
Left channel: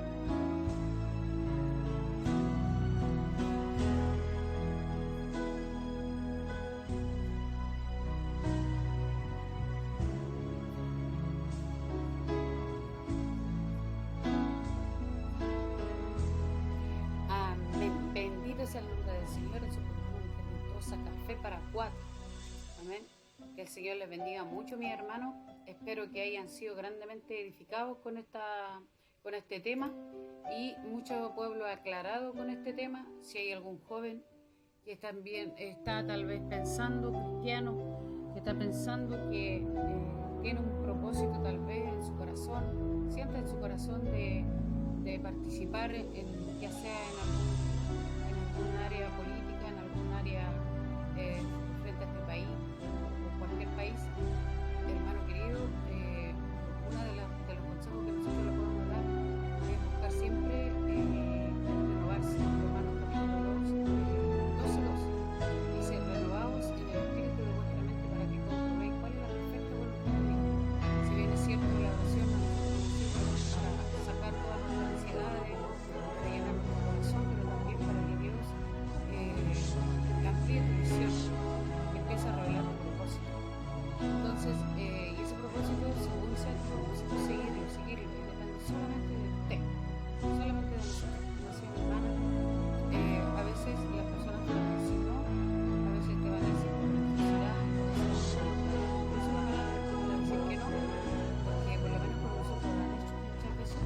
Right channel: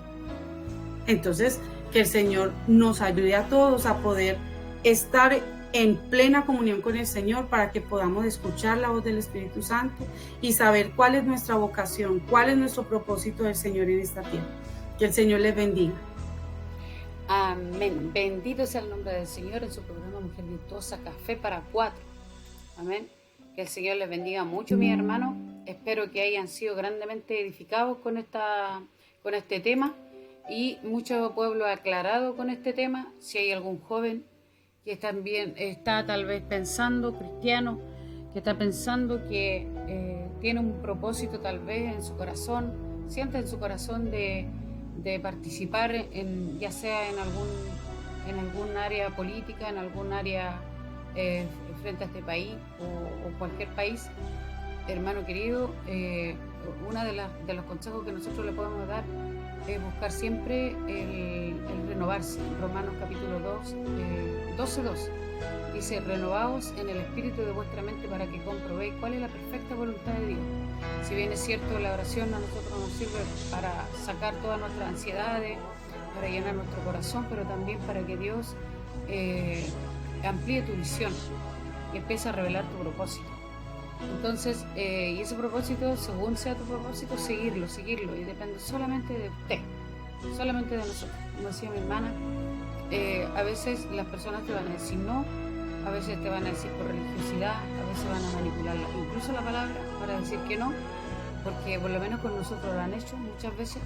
Entonces, que el Señor nos ayude a todos a poder estar en plena comunión con el Señor para que podamos escuchar la voz del Espíritu Santo y saber cuál es nuestra vocación, cuál es nuestro propósito del Señor en esta tierra. Que el Señor les bendiga. Amén. Bendito sea el nombre del Señor en su programa Mujer Virtuosa, Café para 4. Amén. Que el Señor les bendiga mucho, mis hermanos. Espero que hayan sido grandemente edificados con este tema y mucho pueblo aclarado con este tema. Si hay algún joven que también está tal vez pensando, cristiano, que está pensando que tiene un propósito tal vez en su corazón, siente en su corazón de participar ya sea en algún área política, en algún área frente a este país o cualquier país, hermano querido, uno de los consejos que nosotros le podemos dar es buscar siempre el renovarse. Romanos capítulo 2, 12:2 dice: renovaos en el espíritu de vuestra mente para que comprobéis cuál es la perfecta voluntad de Dios. Si bien es cierto, la oración a nosotros nos sirve para sacar todas nuestras ansiedades, para llenar nuestro corazón, pero también para que Dios amplíe tu visión y empiece a revelar tu propósito. Entonces, y ese propósito, según sea tu propósito, seguirlo, y depende solamente de usted, solamente de nosotros. Como decía mi hermana, a veces las personas te van a decir no, a veces te van a decir por religiosidad, a veces van a manipular incluso la palabra para decir que no, porque por lo menos con nosotros lo han hecho muchas veces,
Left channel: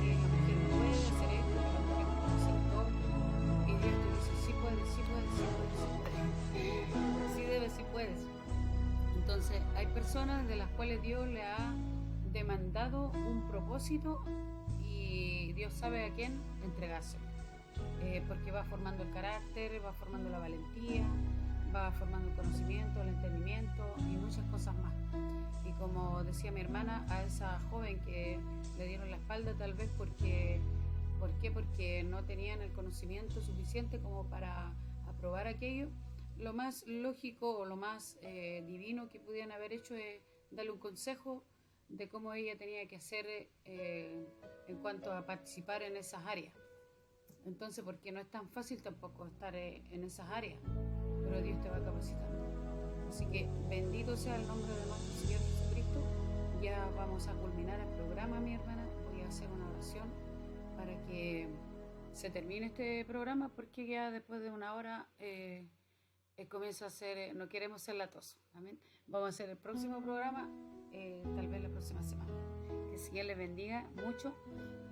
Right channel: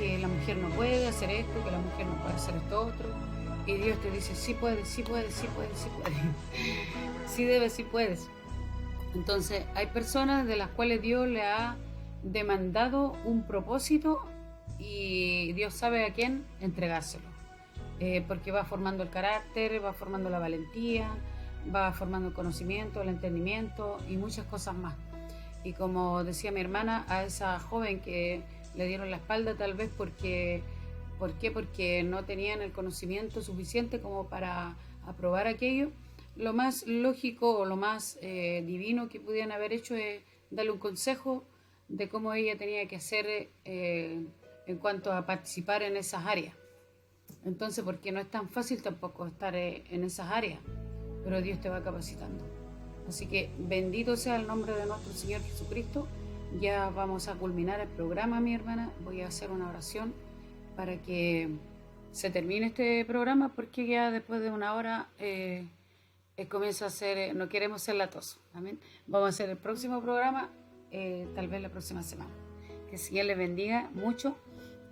que la mujer no puede hacer esto, que la mujer no puede hacer esto otro, y Dios te dice sí puedes, sí puedes, sí puedes, sí puedes, sí debes, sí puedes. Entonces hay personas de las cuales Dios le ha demandado un propósito y Dios sabe a quién entregárselo, porque va formando el carácter, va formando la valentía, va formando el conocimiento, el entendimiento y muchas cosas más. Y como decía mi hermana, a esa joven que le dieron la espalda tal vez ¿por qué? Porque no tenían el conocimiento suficiente como para aprobar aquello. Lo más lógico o lo más divino que pudieran haber hecho es darle un consejo de cómo ella tenía que hacer en cuanto a participar en esas áreas. Entonces, porque no es tan fácil tampoco estar en esas áreas, pero Dios te va capacitando. Así que bendito sea el nombre de nuestro Señor Jesucristo. Ya vamos a culminar el programa, mi hermana. Voy a hacer una oración para que se termine este programa, porque ya después de una hora comienzo a hacer, no queremos ser latosos. Amén. Vamos a hacer el próximo programa, tal vez la próxima semana. Que el Señor les bendiga mucho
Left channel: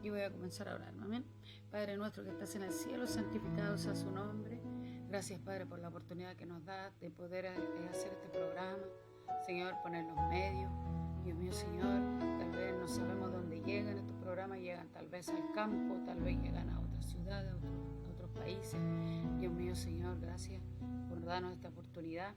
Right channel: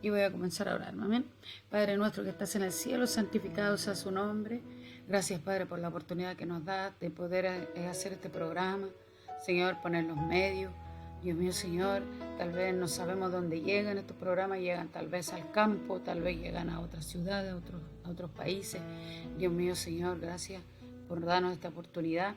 y voy a comenzar a orar. Amén. Padre nuestro que estás en el cielo, santificado sea su nombre. Gracias, Padre, por la oportunidad que nos da de poder hacer este programa. Señor, poner los medios. Dios mío, Señor, tal vez no sabemos dónde llegan estos programas, llegan tal vez al campo, tal vez llegan a otras ciudades, a otros países. Dios mío, Señor, gracias por darnos esta oportunidad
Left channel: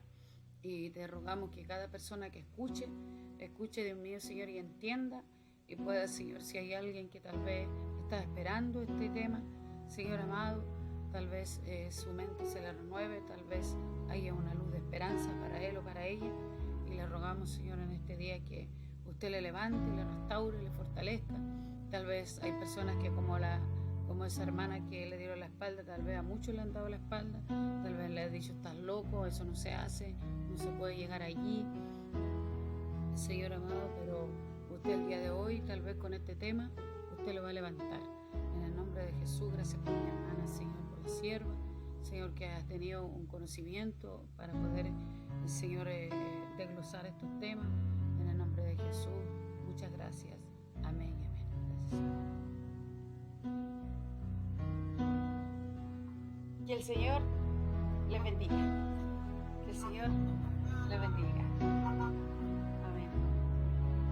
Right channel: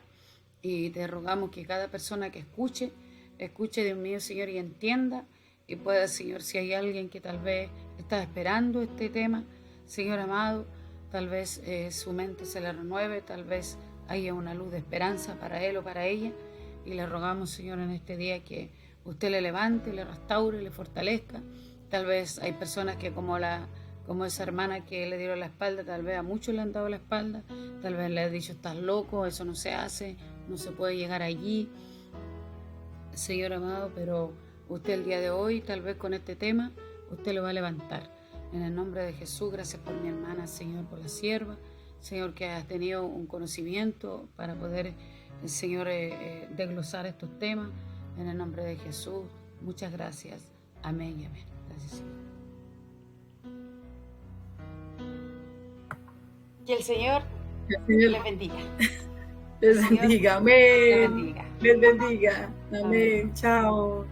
y te rogamos que cada persona que escuche, Dios mío, Señor, y entienda y pueda, Señor, si hay alguien que tal vez está esperando este tema, Señor amado, tal vez su mente se le renueve, tal vez haya una luz de esperanza para él o para ella. Y le rogamos, Señor, en este día que usted le levante, le restaure, le fortalezca. Tal vez hay personas que como como esa hermana que le dieron la espalda, tal vez a muchos le han dado la espalda, tal vez le han dicho, estás loco, eso no se hace, no se puede llegar allí. Señor amado, pero usted el día de hoy, tal vez con este tema, usted lo va a levantar. En el nombre de Jesús, gracias por mi hermana, Señor, por la sierva, Señor, que has tenido un conocimiento para poder, Señor, desglosar estos temas. En el nombre de Jesús, muchas gracias. Amén y amén. Gracias, Señor. Que el Señor les bendiga. Les bendiga. Amén. Les bendiga. Les bendiga. Amén. Chao.